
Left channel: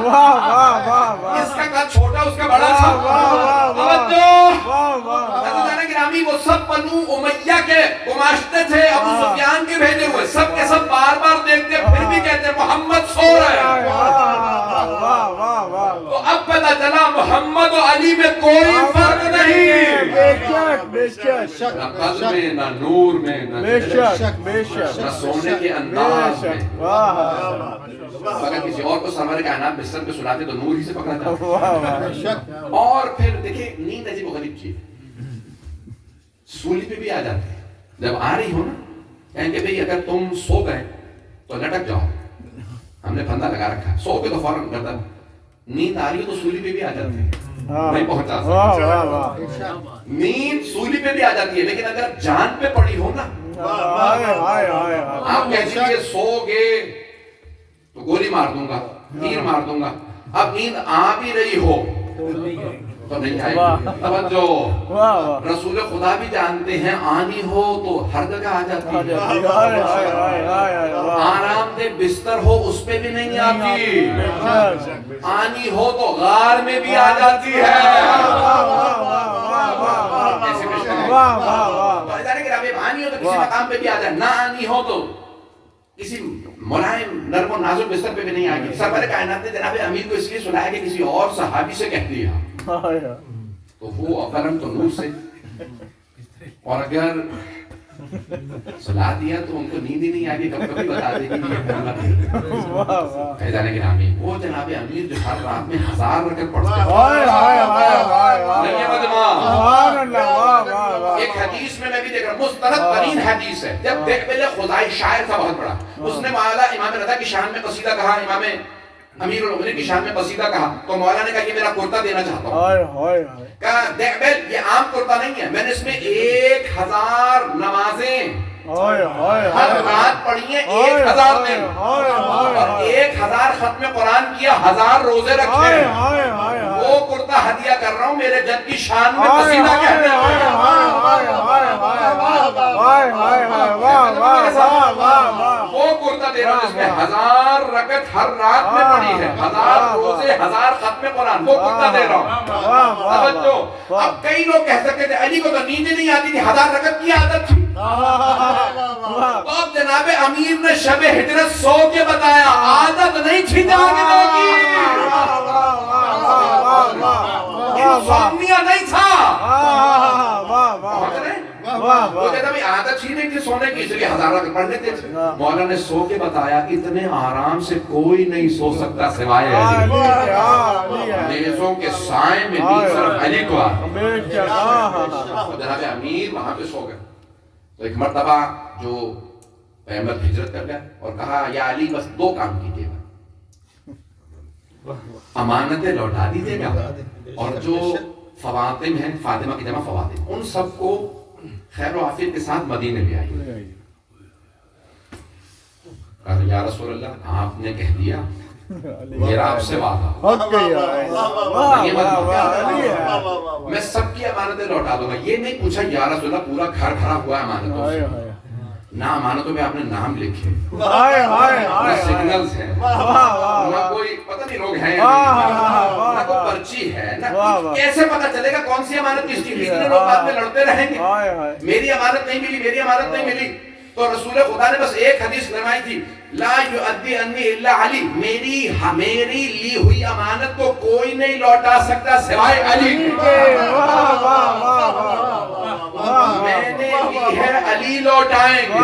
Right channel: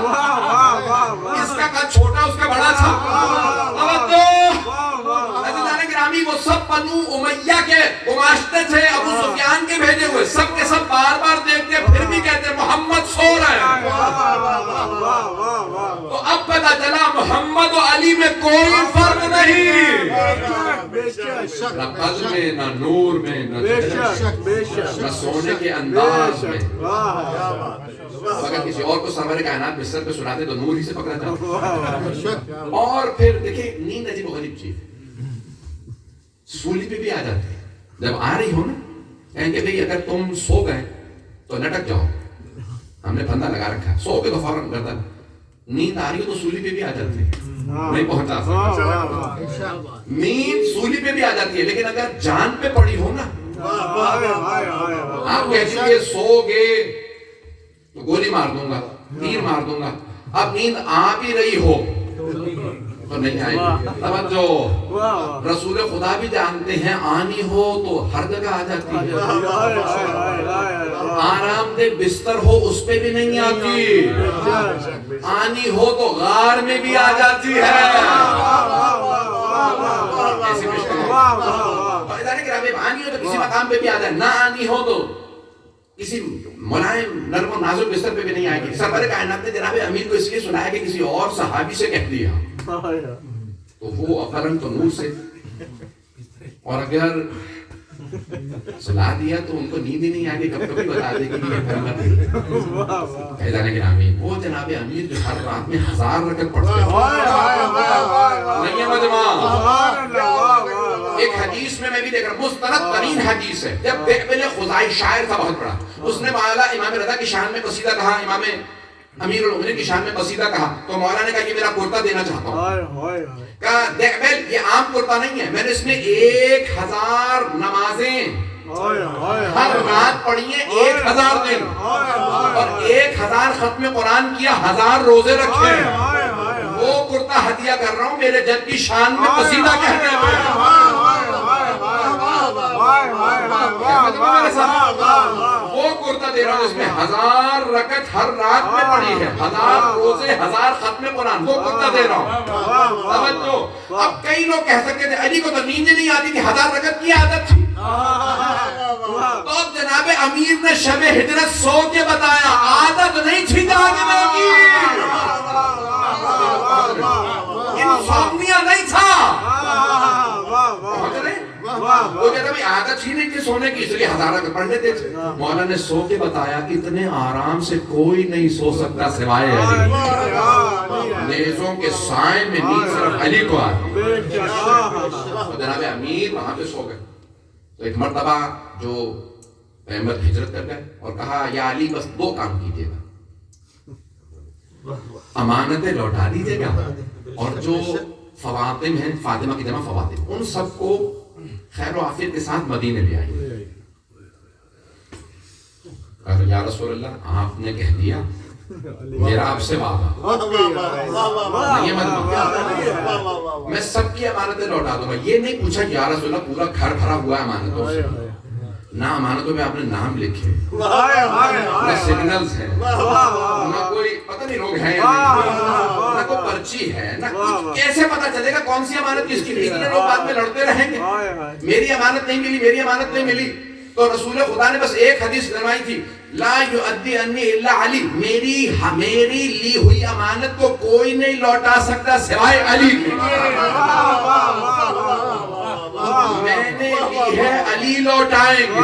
اس کا قد چھوٹا اس کا بڑا تھا. گرامی, وہ سب بنو امیہ کے گماشتے تھے, ابو سفیان کے بھیجے ہوئے, سب کے سب بار بار دیکھتے پھر بھی کہتے محمد سو رہے ہیں. تو اب پتہ چلا محمد و علی میں کوئی فرق نہیں. نہ قد میں, نہ نور میں, نہ سونے کے انداز میں. اگر کسی اور کو سرور کائنات بستر پہ سلاتے تو نور ہی سے پکڑا جاتا. اور پھر دیکھیں نیند عجیب و غریب چیز, سولی پہ بھی آ جاتے ہیں. جب آ رہی ہو نا, کہیں کہ بھئی اگر تم سو گئے تو لٹک جاؤ, ہم نے پھندا لگا رکھا ہے, سو کے تو فوراً گردن. نیند آ رہی ہو تو سولی پہ بھی آ جاتی ہے, نہیں پہنچا سکتا. نیند سولی پہ بھی آ جاتی ہے, لیکن اگر جان پہ پڑی ہو نا, آپ کہتے ہیں سو گے تو گولی مار دوں گا, تیر مار دوں گا. اب نیند آ بھی رہی ہو تو نہیں آئے گی. توجہ, رسول خدا بھی جانتے ہیں آنی ہو تو ہر جگہ آ جاتی ہے. آرام دہ بستر ہو اس پہ بھی نہیں آتی، آنی ہو تو غار میں بھی آ جاتی ہے. ایسی مشکل ہے. آنی ہو تو کسی مقام پہ بھی آ جائے، نہ آنی ہو تو کسی ملائم نرم و نازک بستر پہ بھی نہیں آئے گی. سرور کائنات نے جناب امیر کو اس لیے سنایا کہ کسی اور صحابی سے کہہ دیا تو وہ افرن تو نور سے، اور اگر سلا دیا تو ان کو نیند ہی نہیں آگی، کب کبھی بتا دے گی یہ کرنا نہیں. فیضان گرامی وہ جناب امیر جو ہر رات میں 1000 رکعت پڑھتے ہیں. نہیں ہے مجمع. ایک حدیث میں بھی دیکھ رہا ہوں، مستند ترین حدیث ہے. جب دعبل خزائی شاعر تھا بہت بڑا، اس نے مولا امام رضا کی شان میں قصیدہ کہا، امام امیر المومنین کی شان میں قصیدہ کہا، تو مولا نے کہا یہ میرا کرتا دینا چاہتا ہوں. کہا دعبل یہ عام کرتا نہیں ہے، میں نے اس میں 1000 نمازیں ہر رات پڑھی ہیں، 1000 دن، اور 1000 ختم قرآن کیا، 1000 روزے رکھے. وہ کرتا ہدیہ کر رہا ہوں میرے جد کی شان میں قصیدہ کہتے ہوئے. وہ کرتا دے رہا ہوں جس میں 1000 رکعت ہر رات میں پڑھی ہے، 1000 روزے، 1000 ختم قرآن، وہ کرتا دے رہا ہوں. اب کئی لوگ کہہ سکتے تھے علی کو تو نیند نہیں آتی تھی، 1000 رکعت کی عادت تھی. تو جناب امیر نے شب ہجرت سو کے بتایا، عادت نہیں تھی جاگنے کی، انسومنیا نہیں تھا. وہ کہتا بھی عادت ہی نہیں تھی سونے کی، اس لیے 1000 رکعت پڑھ لیتے تھے. مولا نے سو کے بتایا اتنے آرام سے کوئی نہیں سو سکتا سوائے علی. نیزوں کے سائے میں نیند صرف علی کو آتی. جناب امیر وہاں پہ سو گئے. تو ایک مرتبہ جو احمد ہجرت کر گئے اور کہا یا علی بس 2 کام کیجیے گا، امانتیں لوٹا دیجیے گا، اور جو فواطم ہیں، فاطمہ کی جمع فواطم، ان سب کو خیر و عافیت کے ساتھ مدینے لے آئیے. کہا یا رسول اللہ آپ نے کہہ دیا، میرا آپ سے وعدہ، میں سب کی امانتیں لوٹا دوں گا. یہ نہیں پوچھا یا رسول اللہ پورا گھر بھرا ہوا ہے امانتوں سے، نہ امانتوں میں آپ نے نام لکھے، نہ سگنلز ہیں، نہ کوئی پتہ نہیں لوگ ہیں یا نہیں، نہ کوئی پرچی ہے، نہ کچھ. کیسے پتہ چلے گا کون سی امانت کس کی؟ اتنے لوگ بعد میں لڑتے رہیں گے، میری امانت نہیں ملی، میری امانت نہیں ملی. تو رسول خدا نے بس ایک حدیث فرمائی تھی، لا یؤدی عنی الا علی، میری لی ہوئی امانت کو کوئی نہیں لوٹا سکتا سوائے علی. میں نے لی ہے، علی لوٹائیں گے.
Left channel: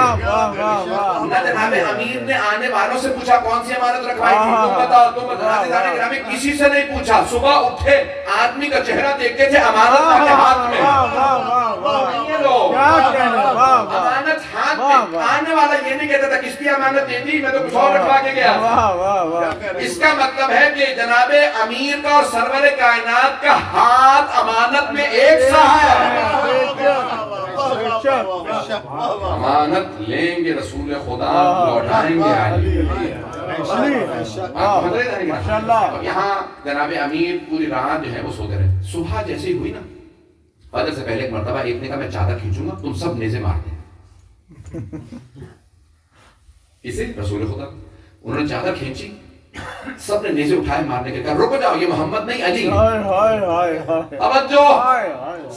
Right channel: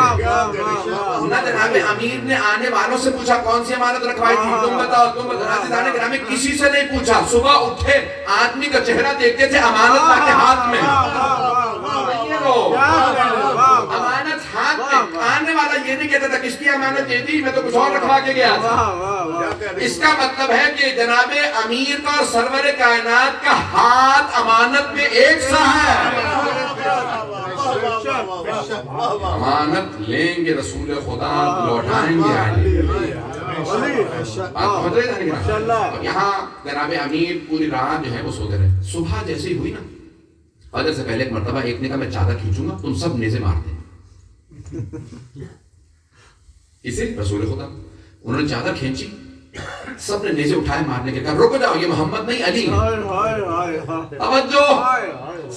نہ جناب امیر نے آنے والوں سے پوچھا کون سی امانت رکھوائی تھی، تم بتاؤ، تم بتاؤ. گرامی کسی سے نہیں پوچھا. صبح اٹھے آدمی کا چہرہ دیکھتے تھے، امانت کے ہاتھ میں. امانت ہاتھ میں. آنے والا یہ نہیں کہتا تھا کس کی امانت دے دی، میں تو کچھ اور رکھوا کے گیا تھا. اس کا مطلب ہے کہ جناب امیر کا اور سرور کائنات کا ہاتھ امانت میں ایک سا ہے. امانت لیں گے رسول خدا، لوٹائیں گے علی. یہاں جناب امیر پوری رات جو ہے وہ سوتے رہے. صبح جیسے ہی ہوئی نا، فجر سے پہلے ایک مرتبہ ایک نے کہا میں چادر کھینچوں گا، تم سب نیزے مار دیں. اسے رسول خدا انہوں نے چادر کھینچی، سب نے نیزے اٹھائے مارنے کے. کہا رک جاؤ، یہ محمد نہیں علی. توجہ،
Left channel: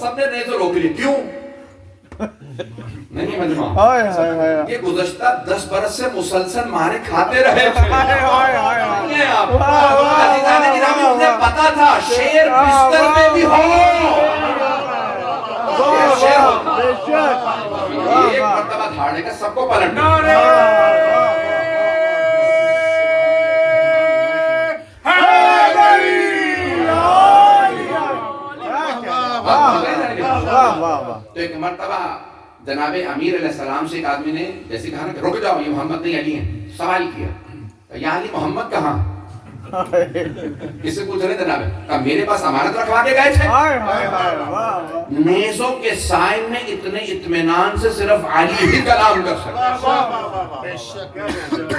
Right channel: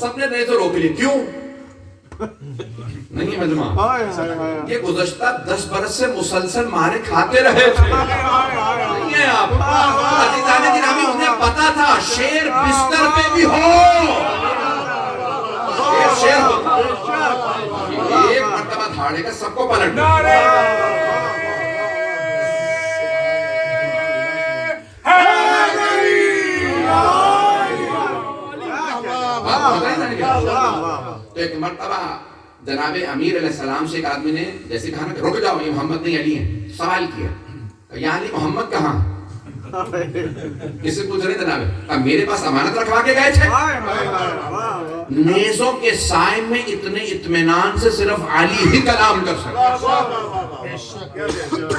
سب نے نیزے روک لیے. کیوں؟ نہیں مجمع، یہ گزشتہ 10 برس سے مسلسل مارے کھاتے رہے تھے. نہیں ہے آپ عزیزان گرامی، انہیں پتا تھا شیر بستر پہ بھی ہو، شیر ہوتا. ایک مرتبہ دھاڑے کا سب کو پلٹ. تو ایک مرتبہ جناب امیر علیہ السلام سے ایک آدمی نے جیسے کہا نا کہ رک جاؤ، یہ محمد نہیں علی ہیں، سوال کیا یا علی محمد کہاں؟ کس سے پوچھ رہے جناب؟ میرے پاس امانت رکھوا کے گئے تھے. نیزوں کے سائے میں اتنے اطمینان سے صرف علی ہی کلام کر سکتا.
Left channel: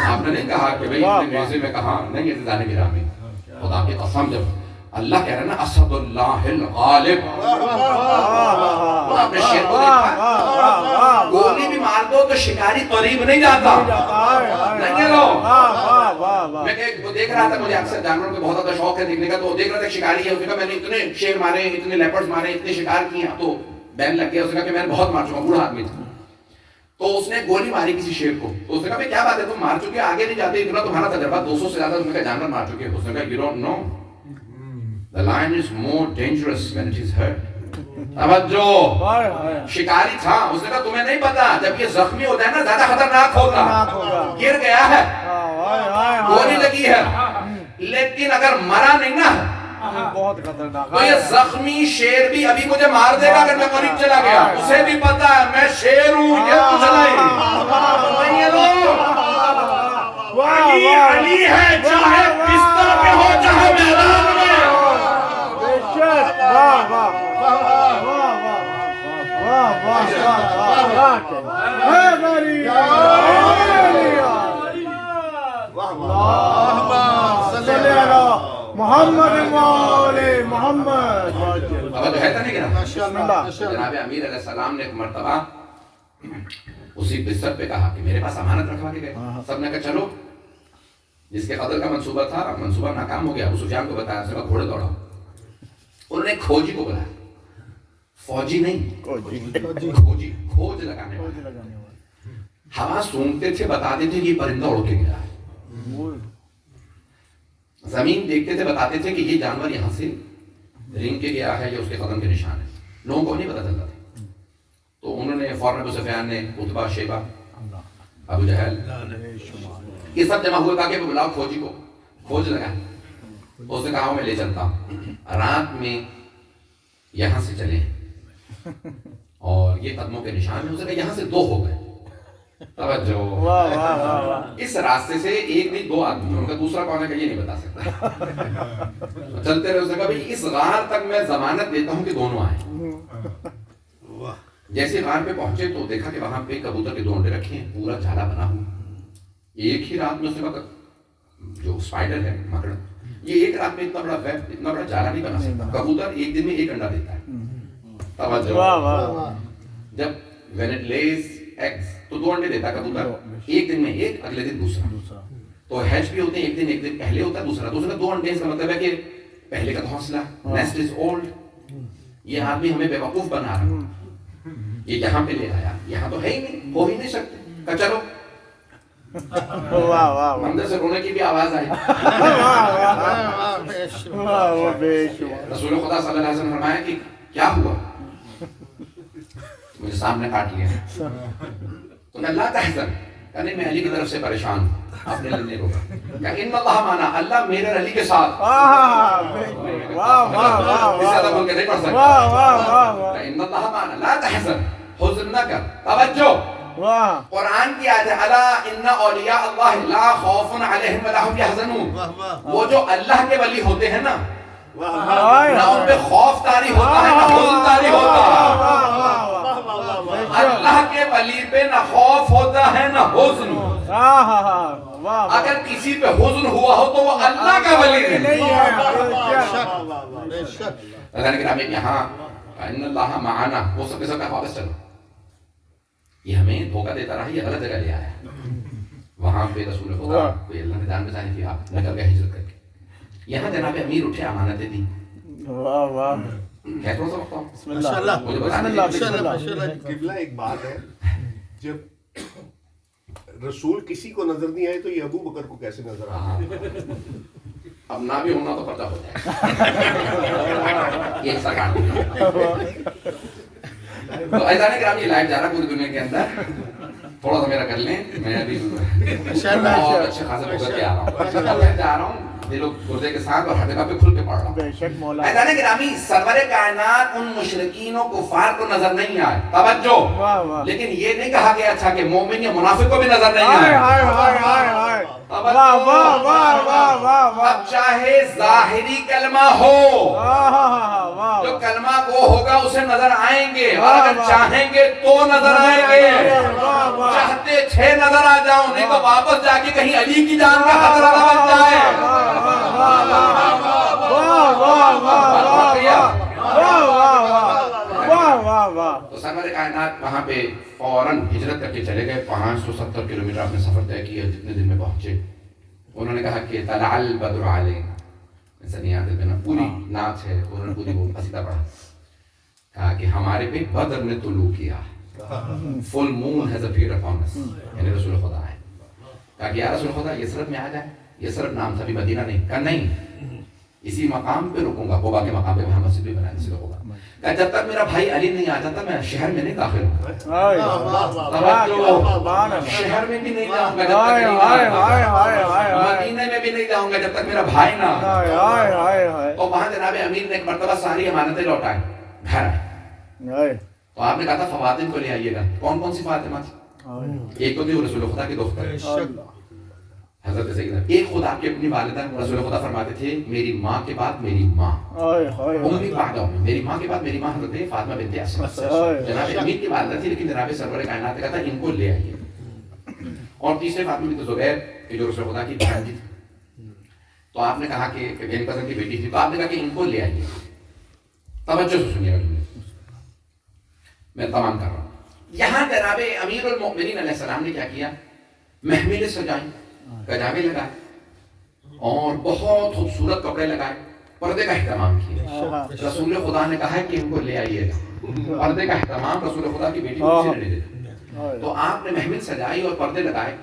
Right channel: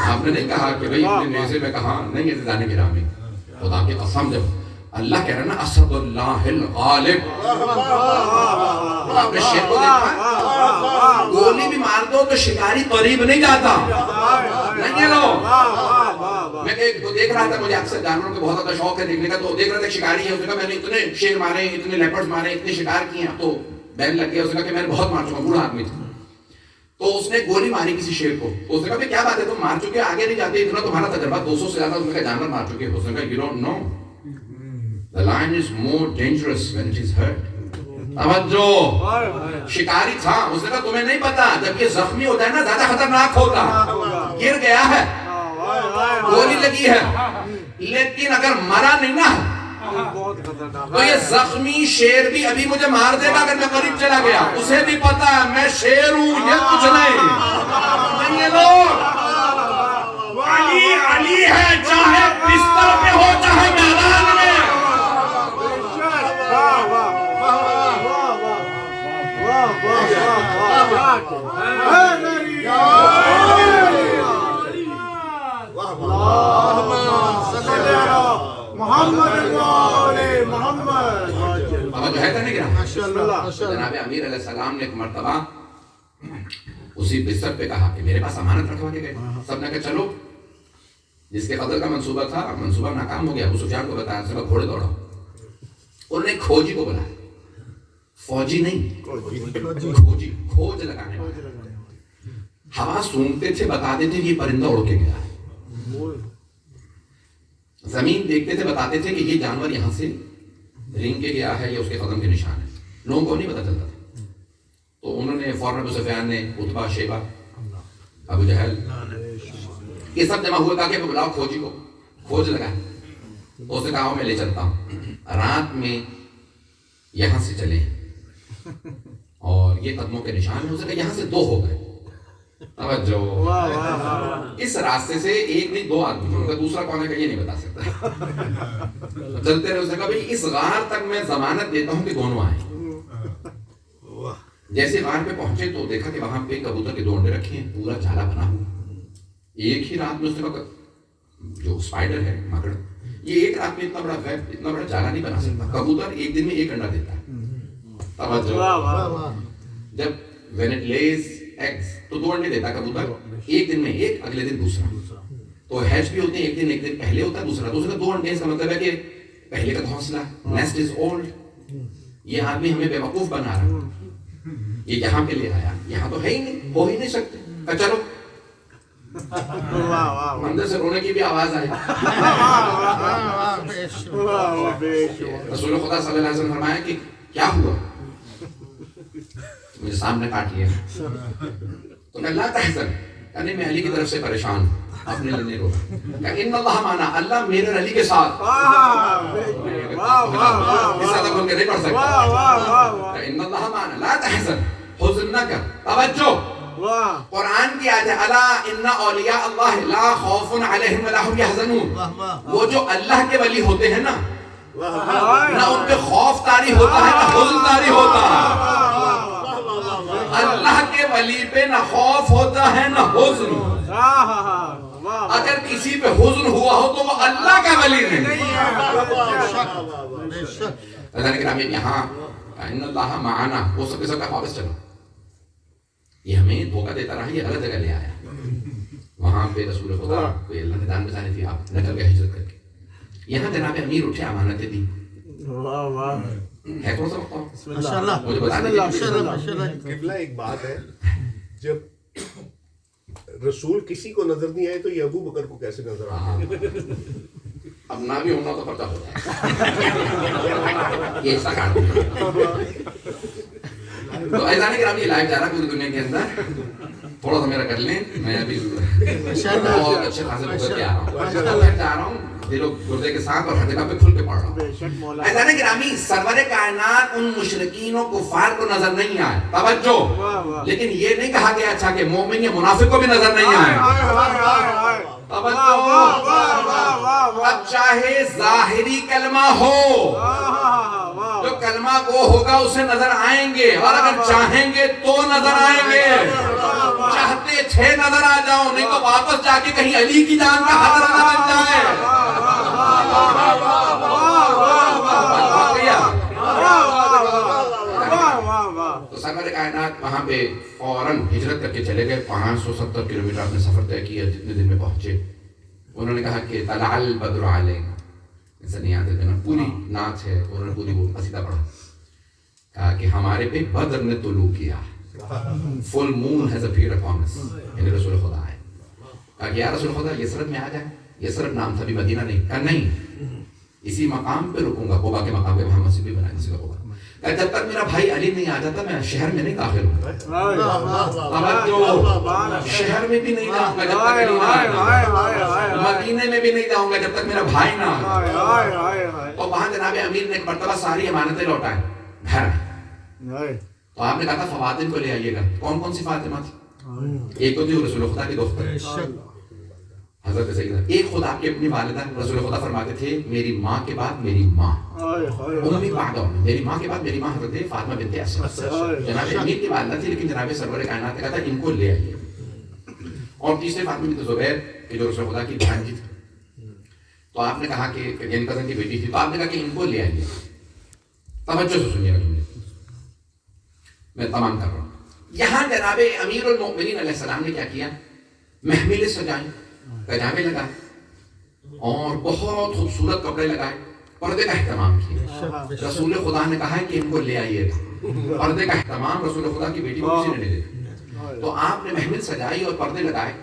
آپ نے نہیں کہا کہ بھئی نیزے میں کہاں نہیں. عزیزان گرامی، خدا کی قسم، جب اللہ کہہ رہا ہے نا اسد اللہ الغالب، آپ نے شیر کو دیکھا، گولی بھی مار دو تو شکاری قریب نہیں جاتا. نہیں ہے لوگ. میں دیکھ رہا تھا, مجھے اکثر جانوروں کے بہت زیادہ شوق ہے دیکھنے کا, تو دیکھ رہا تھا شکاری ہے, اس نے کہا میں نے اتنے شیر مارے, اتنے لیپرڈز مارے, اتنے شکار کیے ہیں. تو بین لگ گیا, اس نے کہا کہ میں نے بہت مار چکا, بوڑھا آدمی تھا. تو اس نے گولی ماری کسی شیر کو, تو اس نے کہا کیا بات ہے تم مار چکے, آگے نہیں جاتے, اتنا تمہارا تجربہ 200 سے زیادہ اس نے کہا جانور مار چکے. اس نے کہا you don't know, the lion is more dangerous when it is hurt. توجہ, شکاری تھا, اس نے کہا تمہیں نہیں پتا, جب یہ زخمی ہوتا ہے نا زیادہ خطرناک ہوتا, گر گیا ہے, گولی لگی ہے, لیکن اگر مرا نہیں نا تو یہ زخمی شیر بھی ابھی مجھے مار دے گا اگر میں قریب چلا گیا. اسے بھی پتا ہے میں شیر ہوں, یہ کچھ نہیں. یہ لوگ علی علی ہے, چاہے بستر پہ ہو چاہے میدان میں. محمد محمد جو ہے نہیں کہنا, جناب امیر علیہ السلام نے ایک مرتبہ اسی بستر پہ کہا کہ میرے پاس امانت رکھوا کے گئے. سب نے کہا چلو, جس کے قتل کا منصوبہ تھا, منصوبہ ناکام ہو گیا. ابو سفیان کو بتایا, سب گھوڑے دوڑاؤ. انہوں نے کھوجی کو بلایا, فوجی نہیں, کھوجی, کھوج لگانے والا. ہوا سونگتے تھے, بتاتے تھے کہ یہ پرندہ اڑ کے گیا. زمین دیکھتے تھے, بتاتے تھے کہ یہ جانور یہاں سے رینگ کے گیا ہے, یہ اس کے قدم کے نشان ہے. لوگوں کو نہیں پتا چلتا تھا. تو انہوں نے فوراً ابو سفیان نے, عتبہ, شیبہ, ابو جہل, یہ سب جمع ہوئے, کہا کہ بلاؤ کھوجی کو, کھوج لگائیں. اس نے کہا میں لے چلتا ہوں, رات میں یہاں سے چلے اور یہ قدموں کے نشان ہے. اس نے کہا یہاں سے 2 ہو گئے. توجہ, اس راستے سے ایک نہیں 2 آدمی, ان کا دوسرا کون ہے کہ یہ نہیں بتا سکتا. چلتے رہے. اس نے کہا بھئی اس غار تک میں ضمانت دیتا ہوں کہ دونوں آئیں. جیسے غار پہ پہنچے تو دیکھا کہ وہاں پہ کبوتر کے 2 انڈے رکھے ہیں, پورا جالا بنا ہوا. ایک ہی رات میں اس نے کہا جو اسپائڈر ہے, مکڑ, یہ ایک رات میں اتنا بڑا ویب, اتنا بڑا جالا نہیں بنا سکتا. کبوتر ایک دن میں 1 انڈا دیتا ہے. توجہ, جب when it lays eggs تو 2 انڈے دیتا ہے کبوتر, ایک دن میں ایک, اگلے دن دوسرا. تو ہیچ بھی ہوتے ہیں, ایک دن پہلے ہوتا ہے, دوسرا. دوسرے 2 انڈے, اس کا مطلب ہے کہ پہلے کا گھونسلہ, نیسٹ از اولڈ. یہ آدمی ہمیں بیوقوف بنا رہا, یہ یہاں پہ لے آیا, یہاں تو ہے ہی نہیں, ہو ہی نہیں سکتے. چلو, مندر سے رونے کی بھی آواز آئی. رسول خدا صلی اللہ علیہ وسلم نے فرمایا کہ کیا ہوا, مجھے سامنے کاٹ لیا. تو میں لا تحزن, یعنی میں علی کی طرف سے پریشان ہوں, اپنے لیے نہیں روتا. کہ ان اللہ مانا, اللہ میرے علی کے ساتھ. اس سے زیادہ بول کے نہیں پڑھ سکتا. ان اللہ مانا لا تحزن, حزن نہ کر. توجہ, قرآن کی آیت ہے, الا ان اولیاء اللہ لا خوف علیہم ولا هم یحزنون. وہ جو اللہ کے ولی ہوتے ہیں نا, نہ ان پہ خوف طاری ہوتا ہے نہ حزن طاری ہوتا ہے. اللہ کے ولی پہ نہ خوف ہوتا ہے نہ حزن. اگر کسی پہ حزن ہوا ہو تو وہ اللہ کا ولی نہیں. لیکن یہاں ان اللہ معنا, وہ سب کے سب کا واپس چلو. یہ ہمیں دھوکہ دیتا رہا, یہ غلط جگہ لے آیا. وہاں پہ رسول خدا کوئی اللہ نے دان بچائی تھی, آپ نکل گئے ہجرت کر کے. یہاں جناب امیر اٹھے, امانتیں دی. ہے کون سا بتاؤ, مجھے بتانے قبلہ ایک بات ہے, جب رسول کسی کو نظر نہیں آئے تو یہ ابو بکر کو کیسے نظر آئے؟ اب نہ بھی ہونا تو پتہ ہو جائے. یہ ایسا کام تو ایسا نہیں کہ ہم یہ لائف جا رہا پوری دنیا کے اندر, تھوڑا سا میرا کر لیں, میں ابھی بہت اچھے خاصے لوگ کر کے آ رہا ہوں, جا رہا ہوں دل و گردے کے ساتھ اور ہر جگہ پہ کھل کے پڑھ رہا ہوں. ایسا نہیں کہ سرور کائنات ان مشرکین و کفار کو نظر نہیں آئے. توجہ, لیکن یہ نہیں کہا گیا اچھا کہ مومن یا منافق کو بھی نظر نہیں آئے. اب چاہے ظاہری کلمہ ہو, جو کلمہ وہ ہوگا اسے نظر آئیں گے, اور اگر چاہیں گے تو نظر آئیں گے. چاہتے تھے نظر آ جاؤ, نہیں تو واپس جا کے کہیں علی کی جان کا خطرہ نہ بن جائے. تو سرور کائنات وہاں پہ فوراً ہجرت کر کے چلے گئے. 570 کلومیٹر آپ نے سفر طے کیا, جتنے دن میں پہنچے. انہوں نے کہا کہ طلع البدر علینا, ایسا نہیں یاد ہے نا, پوری نعت ہے, انہوں نے پوری وہ قصیدہ پڑھا. کہا کہ ہمارے پہ بدر نے طلوع کیا, فل مون ہیز اپیئرڈ اپون اس, یعنی رسول خدا ہے. کہا کہ یا رسول خدا یثرب میں آ جائے. یثرب نام تھا, ابھی مدینہ نہیں. کہا نہیں, اسی مقام پہ رکوں گا, قبا کے مقام پہ, وہاں مسجد بھی بنانے سے ہوگا. کہا جب تک میرا بھائی علی نہیں آ جاتا میں شہر میں نہیں داخل ہوں. شہر میں بھی نہیں جاؤں گا جب تک علی نہیں آئے, مدینے میں بھی نہیں جاؤں گا جب تک میرا بھائی نہ آئے. تو وہاں جناب امیر نے ایک مرتبہ ساری امانتیں لوٹائیں گھر. تو آپ نے کہا تھا فواتن کو لے آئیے گا. کون کون سی فاطمہ تھی؟ ایک تو تھی رسول خدا کی دختر حضرت سیدہ. ایک خود آپ کی اپنی والدہ, رسول خدا فرماتے تھے میری ماں کے بعد میری ماں, امی بعد امی, میری ماں کے بعد میری ماں حضرت فاطمہ بنت اسد. جناب امیر کی والدہ تھی, لیکن جناب سرور کائنات نے کہا تھا ان کو لے آئیے. اور تیسرے فاطمہ بنت زبیر کہ جو رسول خدا کی بھانجی تھی, تو آپ نے کہا کہ گن کزن کی بیٹی تھی, تو آپ نے کہا کہ ان کو لے آئیے. توجہ سے سنیے گا, میں تمام کر رہا ہوں. یہاں جناب امیر المؤمنین علیہ السلام نے کیا کیا, محملیں سجائیں, کجاوے لگائے, اور بہت خوبصورت کپڑے لگائے, پردے کا اہتمام کیا. رسول خدا نے کہا ہے کہ ان کو لے آئیے گا. پردے کا اہتمام رسول خدا کی بیٹی کو کسی نے نہیں دیا. تو آپ نے محمل سجائی اور پردے لگائے,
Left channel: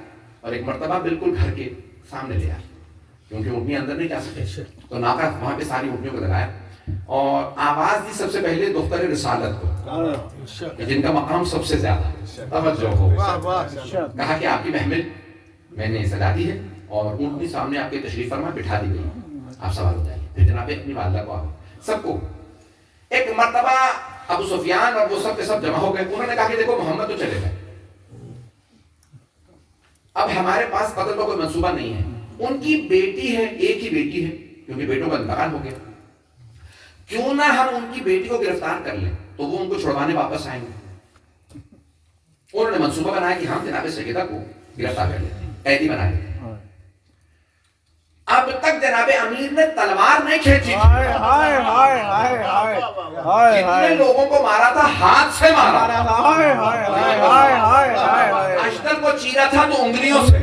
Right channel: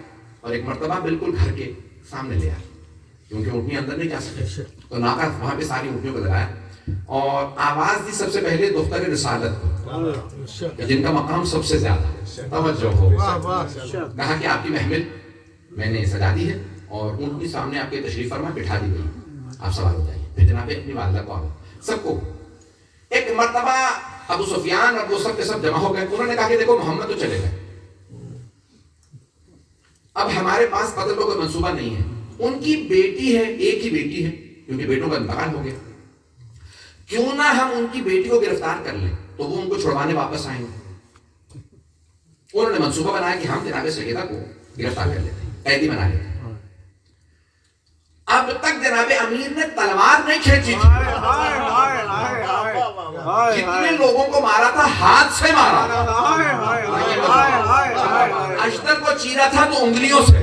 اور ایک مرتبہ بالکل گھر کے سامنے لے آئے, کیونکہ اونٹنی اندر نہیں جا سکتے. تو ناکا وہاں پہ ساری اونٹنیوں کو لگایا, اور آواز دی سب سے پہلے دختر رسالت کو, جن کا مقام سب سے زیادہ. توجہ ہو, کہا کہ آپ کی محمل میں نے سجا دی ہے, اور اونٹنی سامنے آپ کے تشریف فرما بٹھا دی گئی, آپ سوال ہو جائیے. پھر جناب اپنی والدہ کو آ گئے سب کو. ایک مرتبہ ابو سفیان اور وہ سب کے سب جمع ہو گئے. انہوں نے کہا کہ دیکھو محمد تو چلے گئے, اب ہمارے پاس قتل کا کوئی منصوبہ نہیں ہے. ان کی بیٹی ہے, ایک ہی بیٹی ہے, کیونکہ بیٹوں کا انتقال ہو گیا. کیوں نہ ہم ان کی بیٹی کو گرفتار کر لیں, تو وہ ان کو چھڑوانے واپس آئیں گے. انہوں نے منصوبہ بنایا کہ ہم جناب سیدہ کو گرفتار کر لیتے ہیں, قیدی بنا لیتے ہیں. اب تک جناب امیر نے تلوار نہیں کھینچی تھی, جتنے لوگوں کو مارا تھا ہاتھ سے مارا. اشتر کو چیرا تھا تو انگلیوں سے,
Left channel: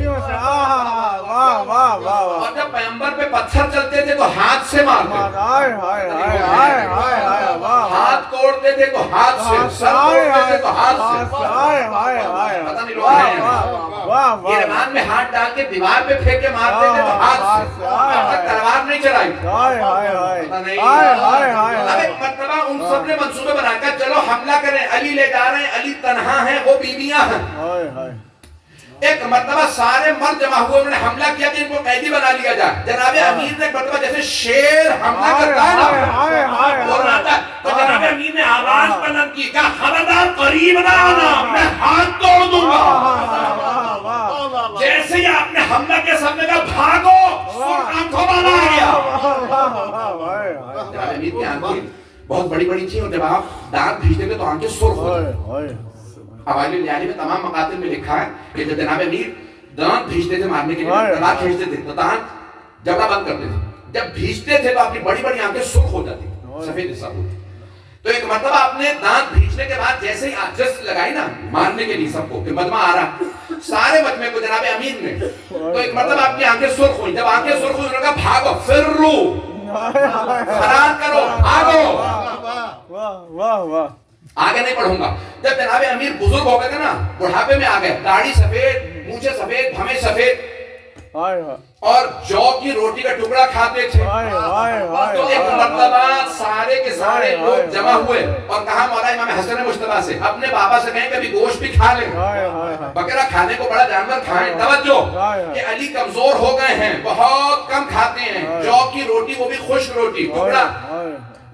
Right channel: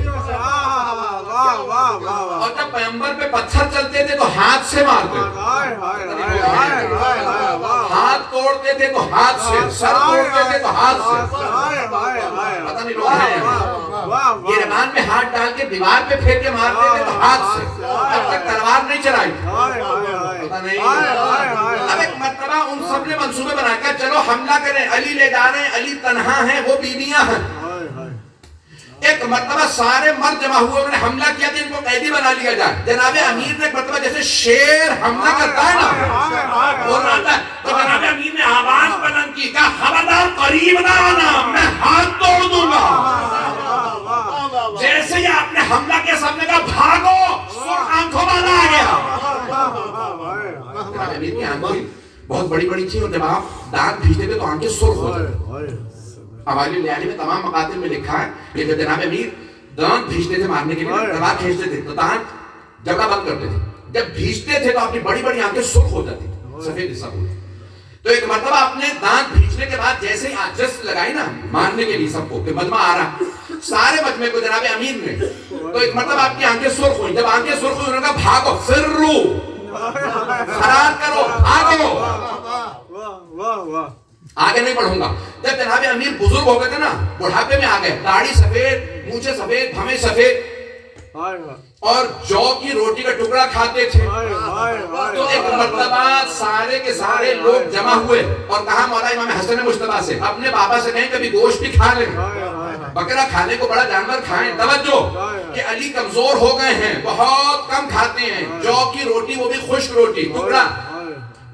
اور جب پیغمبر پہ پتھر چلتے تھے تو ہاتھ سے مارتے, ہاتھ توڑتے تھے تو ہاتھ سے, سر توڑتے تھے تو ہاتھ سے. پتہ نہیں لوگ ہیں گربان میں ہاتھ ڈال کے دیوار پہ پھینک کے مارتے تھے تو ہاتھ سے. اب تک تلوار نہیں چلائی. پتہ نہیں. اب ایک مرتبہ ان سب نے منصوبے بنا کر چلو حملہ کریں, علی لے جا رہے ہیں, علی تنہا ہے, وہ بیویاں ہیں. ایک مرتبہ سارے مرد جمع ہوئے, انہوں نے حملہ کیا کہ ان کو قیدی بنا لیا جائے. جناب امیر نے ایک مرتبہ جیسے شیر حملہ کرتا ہے نا, بولنا آتا ہے, تو جناب امیر نے آواز بلند کی, کہا خبردار قریب نہ آنا, میں ہاتھ توڑ دوں گا. جیسے ہی آپ نے حملہ کے سامنے کہا بھاگو, سرخ آنکھوں والا آ گیا. جناب امیر کی آنکھیں بہت بڑی بڑی تھی, اور جب آپ دانت بھیجتے تھے تو آنکھیں سرخ ہو جاتی. حوالے لیالی میں تمام مقاتل میں لکھا ہے کہ جب جناب امیر دانت بھیجتے تھے مارنے کے لیے, تلوار کھینچتے تھے تو دانت جگہ بند کرتے تھے. جب بھیجتے تھے تو آپ کی بڑی بڑی آنکھیں سرخ ہو جاتی, سفید حصہ ہوتی. تو ایک مرتبہ آپ نے دانت بھیجنے کے بعد جیسے ہی آجز لگائی نا مارنے کے لیے سب کو, کہ مجمع آ رہا, سارے مجمع کو جناب امیر نے, تو ایک مرتبہ آپ کی آنکھیں سرخ ہوئی. جب آنکھیں سرخ ہوئی, انہوں نے کہا بھاگو, فرو, فرار کرو, بھاگو, آگے نہیں بڑھوں گا. جب جناب امیر بزرگ ہو گئے تھے نا, بڑھاپے میں آ گئے, داڑھی سفید, مونچھیں سفید, بھمیں سفید, اور جو کی روٹی کا ٹکڑا کھاتے تھے. تو ایک مرتبہ سارے کے سارے لوگ جمع ہوئے اور کہا مولا امام حسن مجتبیٰ سے, اپنے بابا سے کہیں کبھی گوشت بھی کھا لیں, بکرا کھانے کو بڑا جانور کھائیں. توجہ کہ علی کمزور ہو گئے ہیں, بہت کم کھاتے ہیں, جو کی روٹی وہ بھی خشک روٹی, ٹکڑا.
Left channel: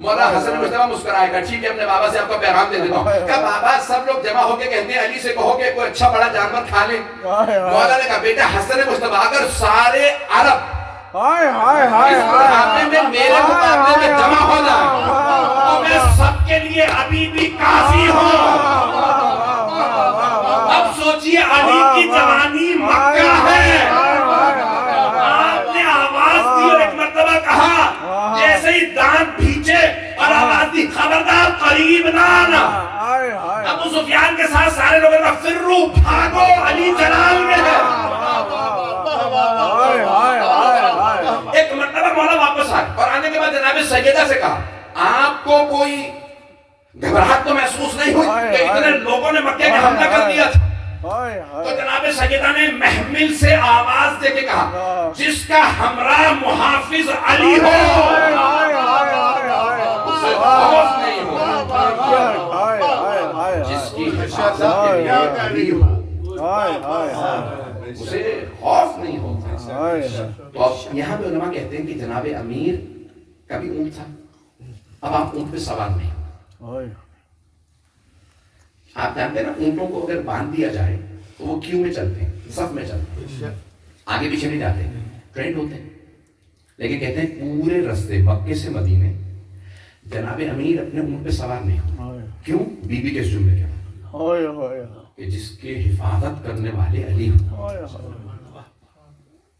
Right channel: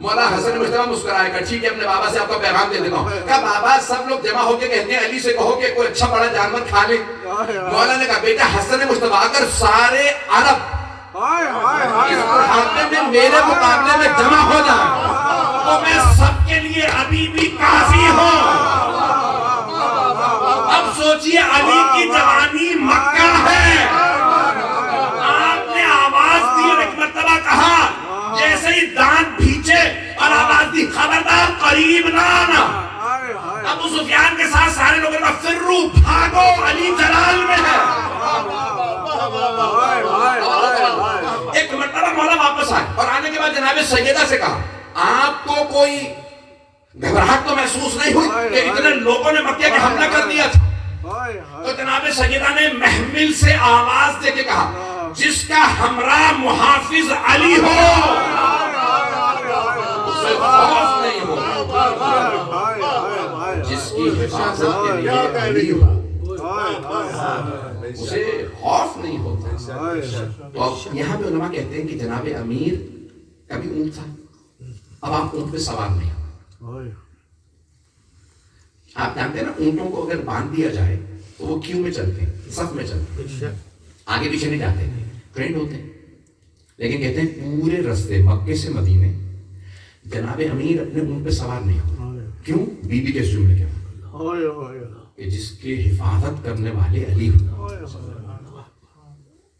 مولا حسن مجتبیٰ مسکرائے گا, ٹھیک ہے اپنے بابا سے آپ کا پیغام دے دیتا ہوں. کہا بابا سب لوگ جمع ہو کے کہتے ہیں علی سے کہو کہ کوئی اچھا بڑا جانور کھا لیں. مولا نے کہا بیٹا حسن مجتبیٰ, اگر سارے عرب اس بڑھاپے میں میرے مقابلے میں جمع ہونا تو میں سب کے لیے ابھی بھی کافی ہوں. اب سوچئے علی کی جوانی مکہ ہے. آپ نے آواز دی اور ایک مرتبہ کہا, جیسے ہی دانت بھیجے اور آواز دی خبردار قریب نہ آنا. ابو سفیان مولا واپس آئے اور آنے کے بعد جناب سیدہ سے کہا آپ کو کوئی گھبراہٹ تو محسوس نہیں ہوئی کہ اتنے لوگوں نے مکہ کے حملہ کر دیا تھا؟ تو جناب سیدہ نے محمل سے آواز دے کے کہا جس کا ہمراہ محافظ علی ہو اسے خوف نہیں ہوگا، جس کی حفاظت کے لیے علی ہو اسے خوف نہیں ہوتا۔ تو اب یہاں پہ علماء کہتے ہیں کہ جناب امیر کا بھی اونٹ تھا، اب آپ اونٹ پہ سوار نہیں ہو۔ آپ جانتے ہیں نا اونٹوں کو اگر باندھ دیا جائے تو وہ کیوں میں چلتے ہیں، صف میں چلتے ہیں، آگے پیچھے نہیں جاتے، ٹرینڈ ہوتے ہیں۔ لیکن کہتے ہیں پورے رستے مکے سے مدینے جناب امیر اپنے اونٹ پہ سوار نہیں ہو، کیوں؟ بی بی کے جملے کے بعد کہ جس کی حفاظت کرنے والے علی ہو،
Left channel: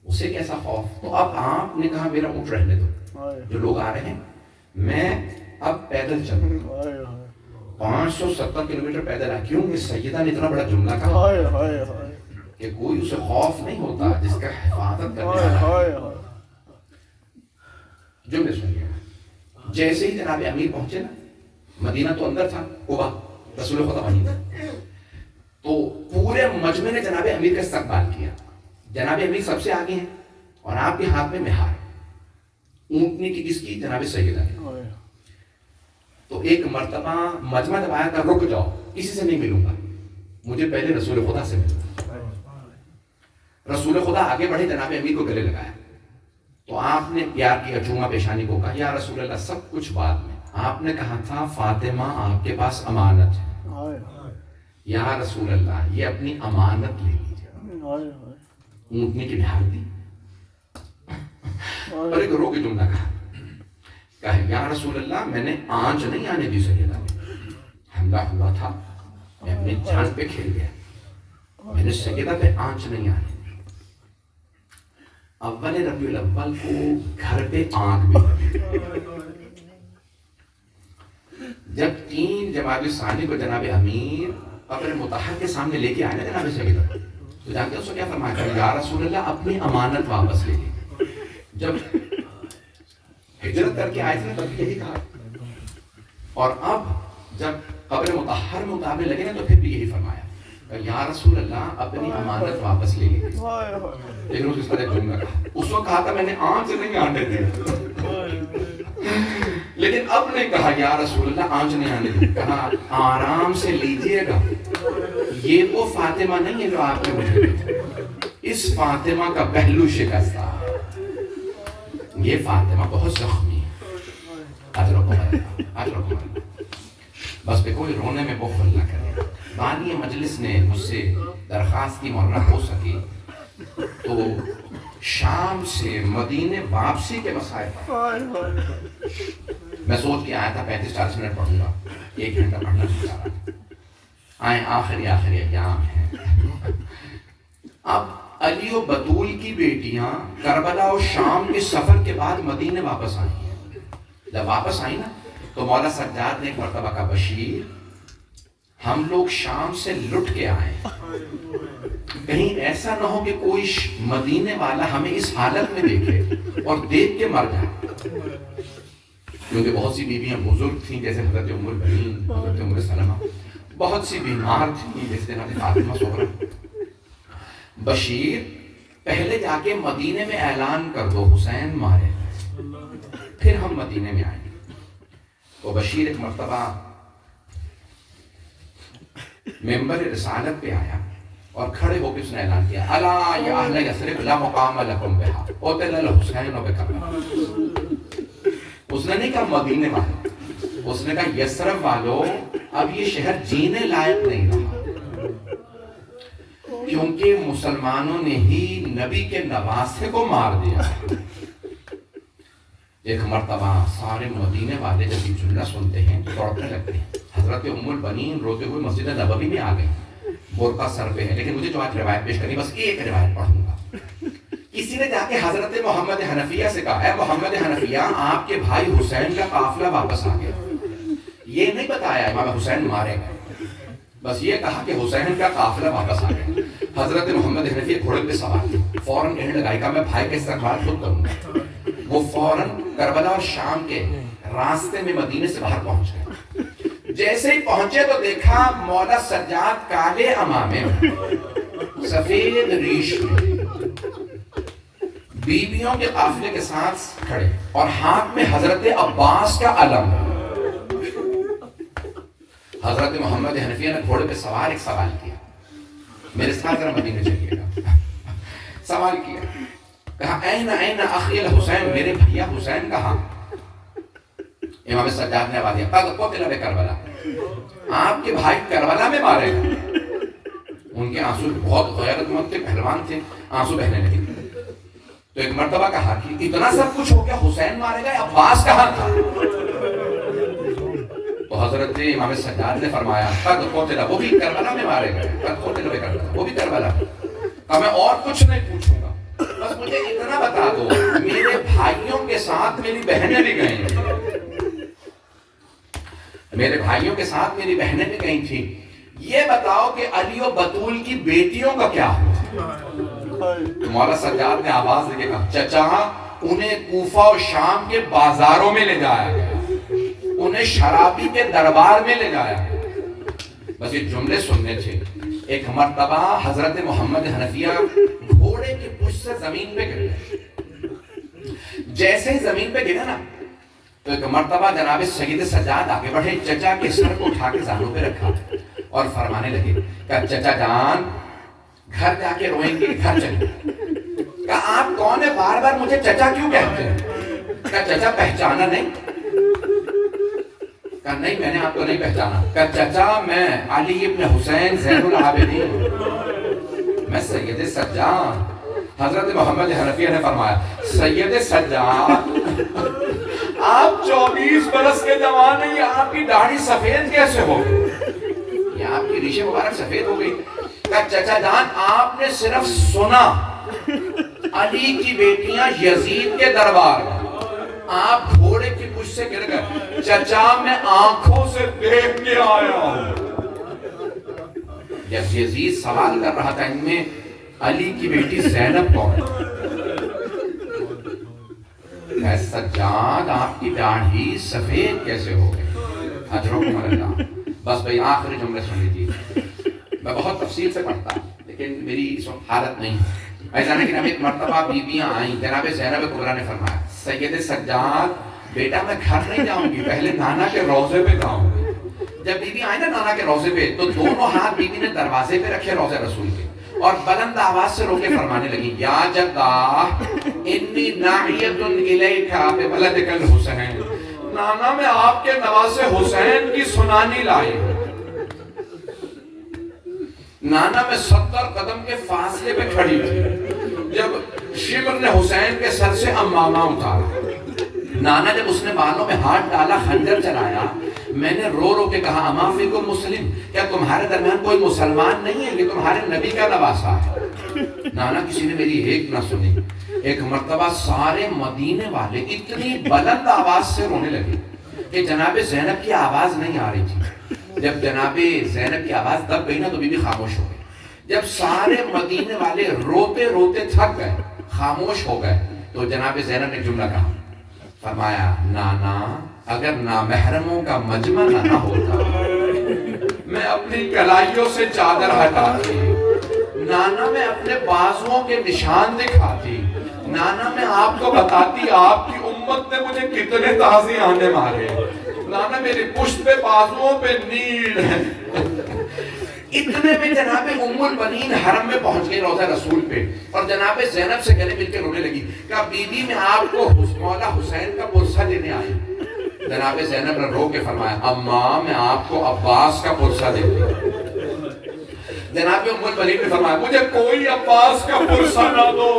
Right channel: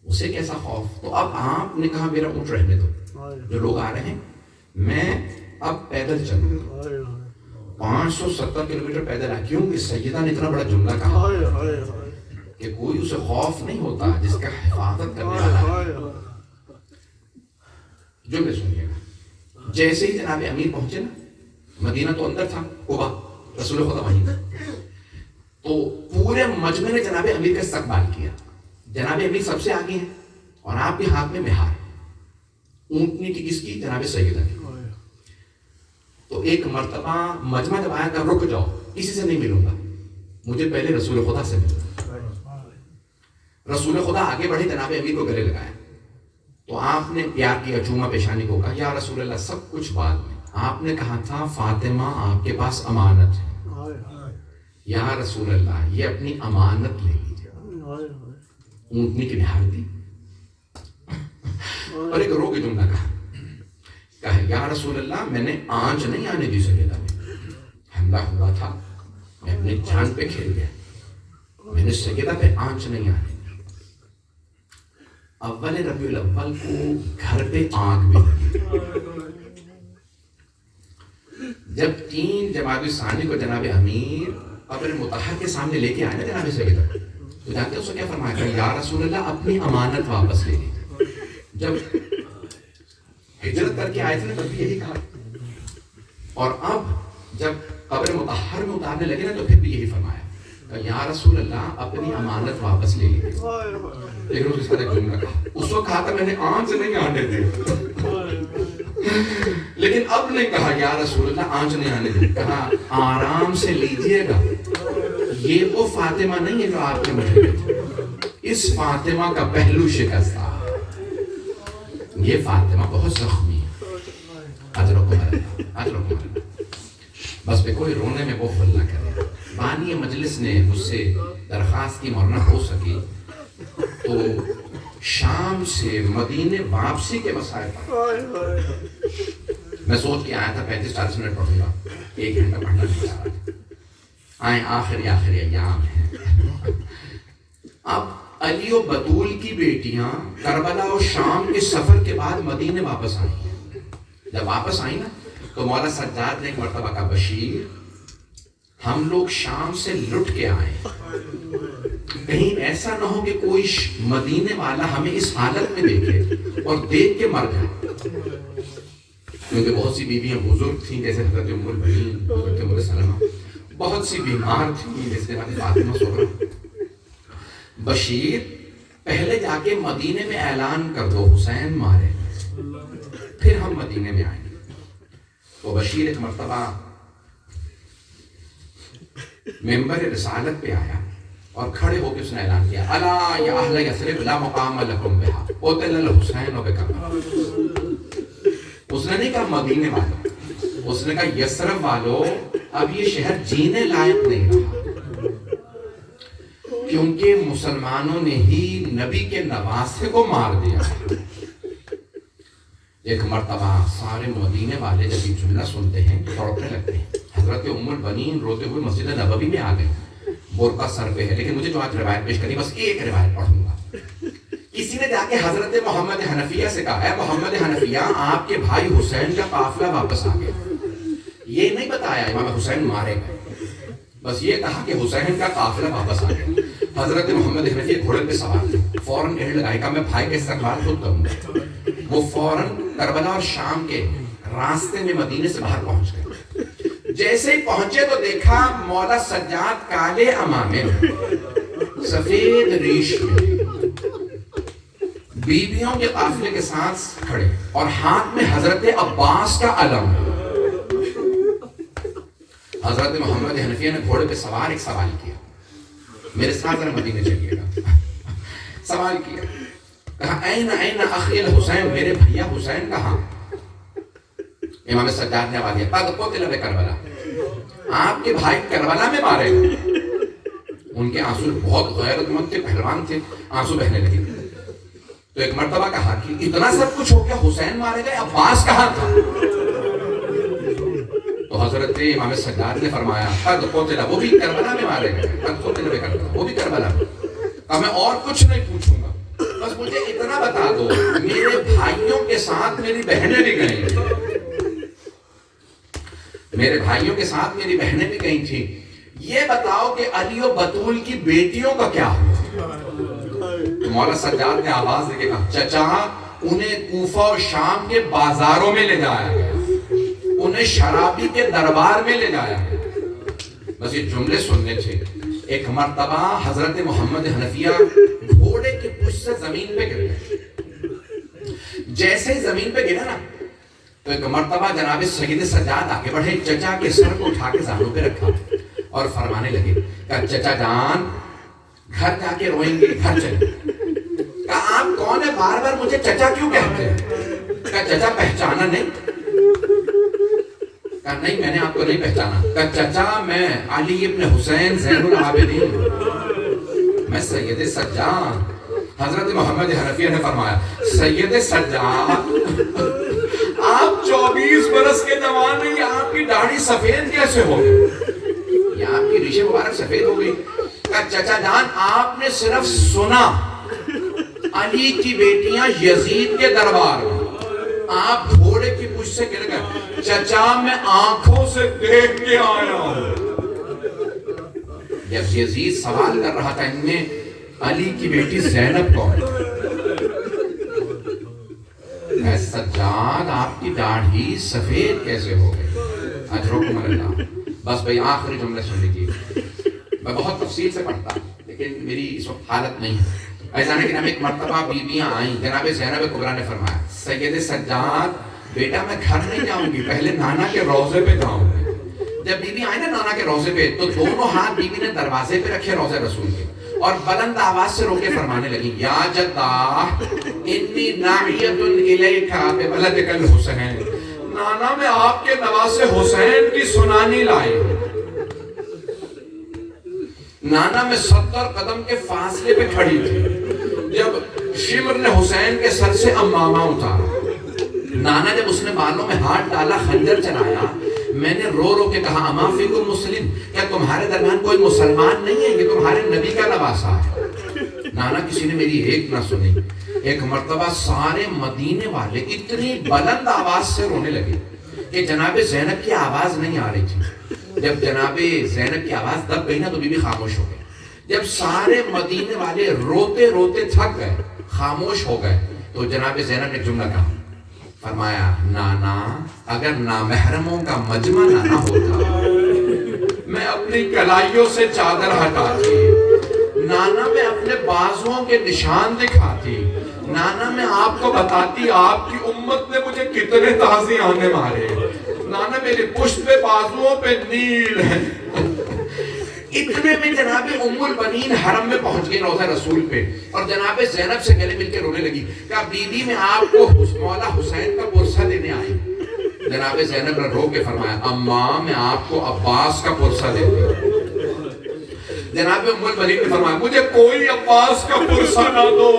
اسے کیسا خوف۔ تو اب آپ نے کہا میرا اونٹ رہنے دو، جو لوگ آ رہے ہیں میں اب پیدل چلوں، 570 کلومیٹر پیدل آ، کیوں کہ سیدہ نے اتنا بڑا جملہ کہا کہ کوئی اسے خوف نہیں ہوتا جس کا حفاظت کرنے والا ہے۔ جملے سنیے گا، جیسے ہی جناب امیر پہنچے نا، مدینہ تو اندر تھا، قبا رسول خدا وہیں تھا، تو پورے مجمع نے جناب امیر کا استقبال کیا۔ جناب امیر سب سے آگے ہیں اور آپ کے ہاتھ میں مہار، اونٹنی کی کس کی؟ جناب سیدہ کی۔ تو ایک مرتبہ مجمع جب آیا کہ رک جاؤ، کسی سے نہیں ملوں گا، مجھے پہلے رسول خدا سے ملوں گا۔ رسول خدا آگے بڑھے، جناب امیر کو گلے لگایا، تو آپ نے پیار کیا، چوما پیشانی کو، کہا یا رسول اللہ سب کچھ بعد میں، آپ نے کہا تھا فاطمہ آپ کے پاس امانت ہے، یا رسول اللہ یہ اپنی امانت لے لیجیے۔ اونٹنی کی نہار دی اور ایک رو کے جملہ کہا یا رسول اللہ میں نے آنچ نہیں آنے دی سیدہ میں، حملہ ہوا تھا، میں اپنی جان پہ کھیل گیا، میں نے سیدہ پہ آنچ نہیں آنے دی۔ اول ربیع الاول کو گھر پہ آنکھ بھی لگی۔ جب 3 جمادی ثانی کو جناب امیر قبر مطہر کے سامنے لے کے آئے نا جناب سیدہ، تو جانتے ہیں اس کو کیا فرمایا تھا؟ یا رسول اللہ اپنی امانت واپس لے لیجیے۔ جب ہجرت کر کے آئے تھے تب بھی یہی کہا، اور اب جب قبر مطہر میں اتارنے لگے نا تو پھر بھی یہی فرمایا یا رسول اللہ اپنی امانت واپس لے لیجیے۔ لیکن اس کے ساتھ ایک جملہ کہا، اس وقت کہا تھا میں نے آنچ نہیں آنے دی، لیکن اب نے کہا یا رسول اللہ آنچ نہیں آنے دی، کہا آرام سے لیجئے گا، یہ وہ فاطمہ نہیں ہے جو آپ کے مجھے تھے، اس فاطمہ کا پہلو شکستہ، یہ فاطمہ بہت زخمی ہے، اجرکم بس پہ کوئی رونے میں بخل نہ کرے۔ بانی مجلس نے مجھ سے درخواست کی مولانا ہو سکی تو شام سے مدینے واپسی کے مسائل پر میں سوچ کے آیا تھا 35-40 منٹ پڑھوں گا، 1 گھنٹہ پڑھنا نہیں چاہ رہا تھا، آئیں آخری ایام ہیں۔ اب علی و بطول کی بیٹیاں کربلا اور شام کے سفر کے بعد مدینے واپس آئی ہیں۔ جب واپس آئی نا تو مولا سجاد نے ایک مرتبہ کہا بشیر ہم لوگ شام سے لٹ کے آئے، کہیں ایسا نہ ہو کہ کوئی مدینے والا ہمیں اس حالت میں دیکھے اور دیکھ کے مر جائے، کیونکہ بہت سی بیویاں بزرگ تھیں جیسے حضرت ام البنین، حضرت ام سلمہ، بہت سی بیمار تھیں جیسے حضرت فاطمہ صغرا۔ بشیر پہلے جا کے مدینے میں اعلان کر دو حسین مارے، پھر ہم مدینے میں آئیں گے۔ تو بشیر ایک مرتبہ ممبر رسالت پہ آیا اور کھڑے ہو کے اس نے اعلان کیا الا یا اہل یثرب لا مقام لکم بہا قتل الحسین بکربلا۔ اس نے نہیں کہا مدینے والوں، اس نے کہا یثرب والوں اب یہ شہر جینے لائق نہیں رہا، کیونکہ مسلمانوں نے ہی نبی کے نواسے کو مار دیا۔ ایک مرتبہ سارے مدینے والے جب یہ جملہ سنتے ہیں تو دوڑنے لگتے ہیں۔ حضرت ام البنین روتے ہوئے مسجد نبوی میں آ گئی، برقع سر پہ ہے، لیکن مجھے جو آج روایت پیش کرنی بس ایک روایت پڑھوں گا۔ کسی نے جا کے حضرت محمد حنفیہ سے کہا ہے محمد حنفیہ آپ کے بھائی حسین کا قافلہ واپس آ گیا۔ یہ نہیں بتایا امام حسین مارے گئے، بس یہ کہا کہ حسین کا قافلہ واپس آ گیا۔ حضرت محمد حنفیہ گھوڑے پہ سوار تھے، فوراً کہنے لگا کہ میں بھائی کا استقبال خود کروں گا۔ وہ فوراً کربلا اور شام کے راستے میں مدینے سے باہر پہنچ گئے. جیسے ہی پہنچے تو دیکھا مولا سجاد کالے عمامے میں, سفید ریش میں, بیویوں کے قافلے کے ساتھ کھڑے, اور ہاتھ میں حضرت عباس کا علم. حضرت محمد حنفیہ نے گھوڑے پہ سوار ایک سوال کیا, میرے ساتھ ذرا مدینے چلیے گا. سوال کیا, کہا این اخی الحسین, میرے بھیا حسین کہاں؟ امام سجاد نے آواز دیا, قد قتل بکربلا, آپ کے بھائی کربلا میں مارے گئے. ان کے آنسو بہت غیرت مند تھے, پہلوان تھے, آنسو بہنے لگے. تو ایک مرتبہ کہا کہ اتنا سب کچھ ہو گیا, حسین مارے گئے, عباس کہاں تھا؟ تو حضرت امام سجاد نے فرمایا قد قتل, وہ بھی کربلا میں مارے گئے, قد قتل بکربلا, وہ بھی کربلا میں. اب میں اور کچھ نہیں پوچھوں گا, بس مجھے اتنا بتا دو, میرے بھائیوں کے ساتھ میری بہنیں بھی گئیں تھیں, میرے بھائیوں کے ساتھ میری بہنیں بھی گئی تھیں, یہ بتاؤ کہ علی و بطول کی بیٹیوں کا کیا ہوا؟ تو مولا سجاد نے آواز دے کے کہا, چچا انہیں کوفہ اور شام کے بازاروں میں لے جایا گیا, انہیں شرابی کے دربار میں لے جایا گیا. بس یہ جملے سننے تھے. ایک مرتبہ حضرت محمد حنفیہ گھوڑے کی پشت سے زمین پہ گر گئے. جیسے ہی زمین پہ گرے نا, تو ایک مرتبہ جناب سید سجاد آگے بڑھے, چچا کے سر کو اٹھا کے زانوں پہ رکھا اور فرمانے لگے کہ چچا جان گھر جا کے روئیں گے, گھر چلیں. کہ آپ کون ہے, بار بار مجھے چچا کیوں کہتے ہیں؟ کہ چچا پہچانا نہیں؟ کہ نہیں, میں نے آپ کو نہیں پہچانا. کہ چچا میں علی ابن حسین زین العابدین, میں سید سجاد. حضرت محمد حنفیہ نے فرمایا, سید سجاد آپ 24 برس کے جوان ہیں, یہ آپ کی داڑھی سفید کیسے ہو گئی, یہ آپ کی ریشیں مبارک سفید ہو گئی. کہ چچا جان آپ نے صرف سنا علی کی بیٹیاں یزید کے دربار میں, آپ گھوڑے کی پشت سے گر گئے. چچا میں آنکھوں سے دیکھ کے آیا ہوں. جب یزید سوال کر رہا تھا ان میں علی کی بیٹی زینب کون؟ اے سجاد آپ کی داڑھی سفید کیسے ہو گئی؟ اجرکم اللہ. بس بھئی آخری جملے سن لیجیے, میں بہت تفصیل سے پڑھتا لیکن میری اس وقت حالت نہیں ہے. ایسا نہیں کہ ایک مرتبہ بیویاں آئیں, جناب زینب کبریٰ نے فرمایا, سید سجاد بیٹا میں گھر نہیں جاؤں گی, پہلے نانا کے روضے پہ جاؤں گی. جب بیوی آئی نا نانا کے روضے پہ, تو دونوں ہاتھ بیوی نے دروازے پہ رکھے روضے رسول کے, اور بلند آواز سے رو کے فرمانے لگی, یا جدہ انی ناعیۃ الیک بولدک الحسین, نانا میں آپ کے نواسے حسین کی سنانی لائی. نانا میں 70 قدم کے فاصلے پہ کھڑی تھی جب شمر نے حسین کے سر سے امامہ اتارا. نانا جب اس نے بالوں میں ہاتھ ڈالا, خنجر چلایا, میں نے رو رو کے کہا, اما فیکم مسلم, کیا تمہارے درمیان کوئی مسلمان نہیں ہے, یہ تمہارے نبی کا نواسا ہے. نانا کسی نے میری ایک نہ سنی. ایک مرتبہ سارے مدینے والے اتنی بلند آواز سے رونے لگے کہ جناب زینب کی آواز نہیں آ رہی تھی. جب جناب زینب کی آواز دب گئی نا, تو بی بی خاموش ہو گئی. جب سارے مدینے والے روتے روتے تھک گئے, خاموش ہو گئے, تو جناب زینب نے جملہ کہا, فرمایا, نانا اگر نامحرموں کا مجمع نہ ہوتا میں اپنی کلائیوں سے چادر ہٹاتی, نانا میں اپنے بازوؤں کے نشان دکھاتی, نانا میں آپ کو بتاتی آپ کی امت نے مجھے کتنے تازیانے مارے, نانا میرے پشت پہ بازوؤں پہ نیل ہے. اتنے میں جناب ام البنین حرم میں پہنچ گئی روضہ رسول پہ, اور جناب زینب سے گلے مل کے رونے لگی. کہا بیوی میں آپ کو مولا حسین کا پرسہ دینے آئی. جناب زینب نے رو کے فرمایا, اماں میں آپ کو عباس کا پرسہ دیتی ہوں. جناب ام البنین نے فرمایا, مجھے کوئی عباس کا پرسہ نہ دو,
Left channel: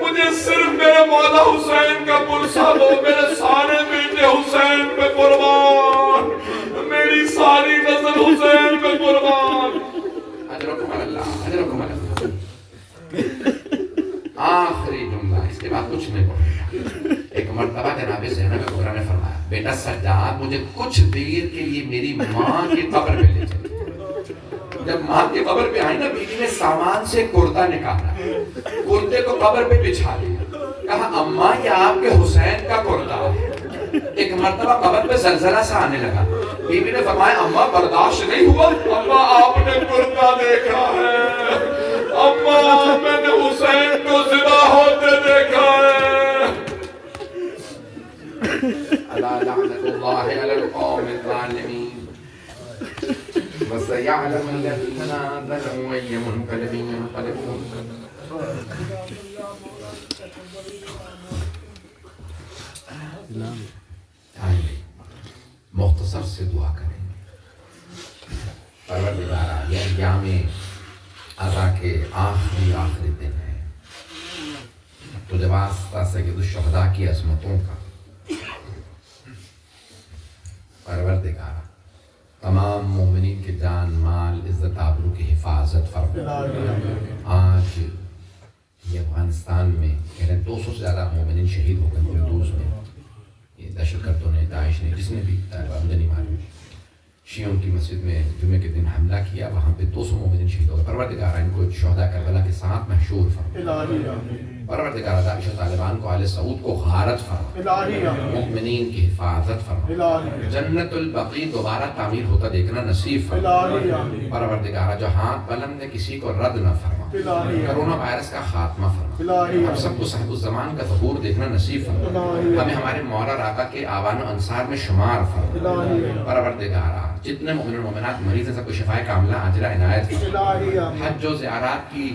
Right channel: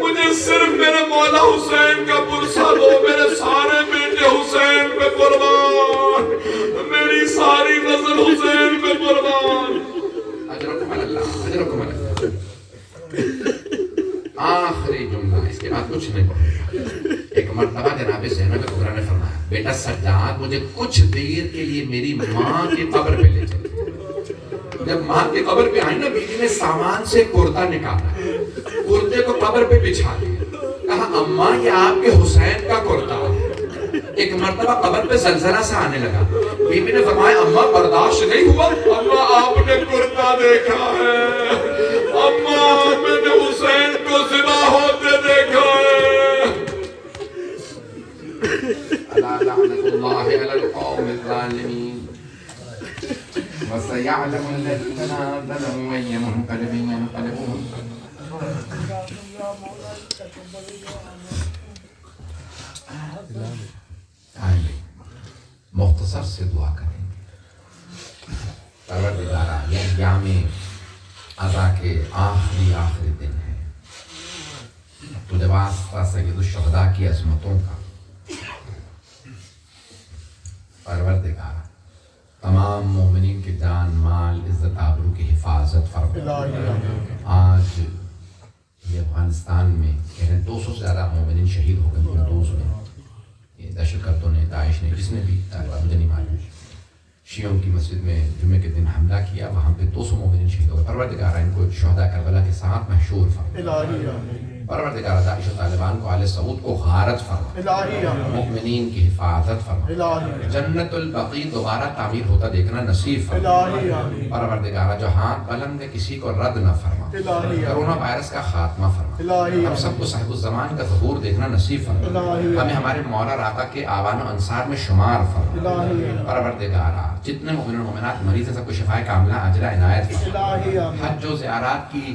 مجھے صرف میرے مولا حسین کا پرسہ دو, میرے سارے بیٹے حسین پہ قربان, میری ساری نظر حسین پہ قربان. اجرکم اللہ, اجرکم اللہ. آخری جملہ, اس کے بعد کچھ نہیں پڑھے. ایک مرتبہ جناب زینب کبریٰ نے فرمایا, بیٹا سجاد مجھے کچھ دیر کے لیے میری ماں کی قبر پہ لے چلے. جب ماں کی قبر پہ آئی نا, بیوی نے سامان سے کرتا نکالا, کرتے کو قبر پہ بچھا دیا. کہا اماں یہ آپ کے حسین کا کرتا ہے. ایک مرتبہ قبر پہ زلزلہ سا آنے لگا. بی بی نے فرمایا اماں برداشت نہیں ہوا. اماں آپ نے کرتا دیکھا ہے, اماں میں نے حسین کو ذبح ہوتے دیکھا ہے. الا لعنت اللہ علی القوم الظالمین وسيعلم الذين ظلموا أي منقلب ينقلبون. مختصر سے دعا کریں گے. پروردگارا یہ ایام عزا کے آخری دن ہے. تجھے واسطہ سید الشہداء کی عظمتوں کا پروردگارا تمام مومنین کی جان مال عزت آبرو کی حفاظت فرما. آج یہ افغانستان میں 200 سے زیادہ مومنین شہید ہو گئے قندوز میں. یہ دہشت گردوں نے, داعش نے, جس نے بھی مجھے نہیں معلوم, شیعوں کی مسجد میں جمعے کے دن حملہ کیا, وہاں پہ 200 مومنین شہید ہو گئے. پروردگارہ ان کو شہداء کربلا کے ساتھ محشور فرما. پروردگارہ داعش و طالبان کو آل سعود کو غارت فرما. مومنین کی حفاظت فرما. جنت البقیع دوبارہ تعمیر ہوتا دیکھنا نصیب فرما. پروردگارہ جو ہاتھ بلند ہے کسی کو رد نہ فرما. کرونا وائرس کا خاتمہ فرما. ہم سب کو صاحب الزمان کا ظہور دیکھنا نصیب فرما. ہمیں ہمارے مولا راقہ کے آوان و انصار میں شمار فرما. پروردگارہ جتنے مومن و مومنات مریض ہیں سب کو شفائے کاملہ عاجلہ عنایت فرما. حج و زیارات کی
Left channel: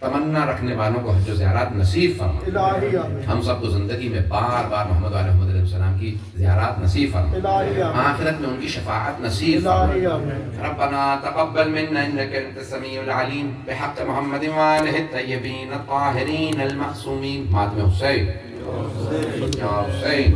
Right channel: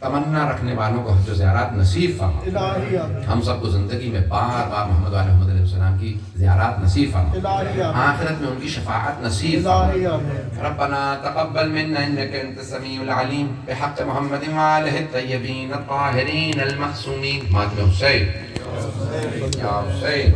تمنا رکھنے والوں کو حج و زیارات نصیب فرما. ہم سب کو زندگی میں بار بار محمد علیہ محمد علیہ السلام کی زیارات نصیب فرما. آخرت میں ان کی شفاعت نصیب فرما. ربنا تقبل منا انك انت السميع العليم بحق محمد وآله الطيبين الطاهرين المعصومين. ماتم حسین یا حسین.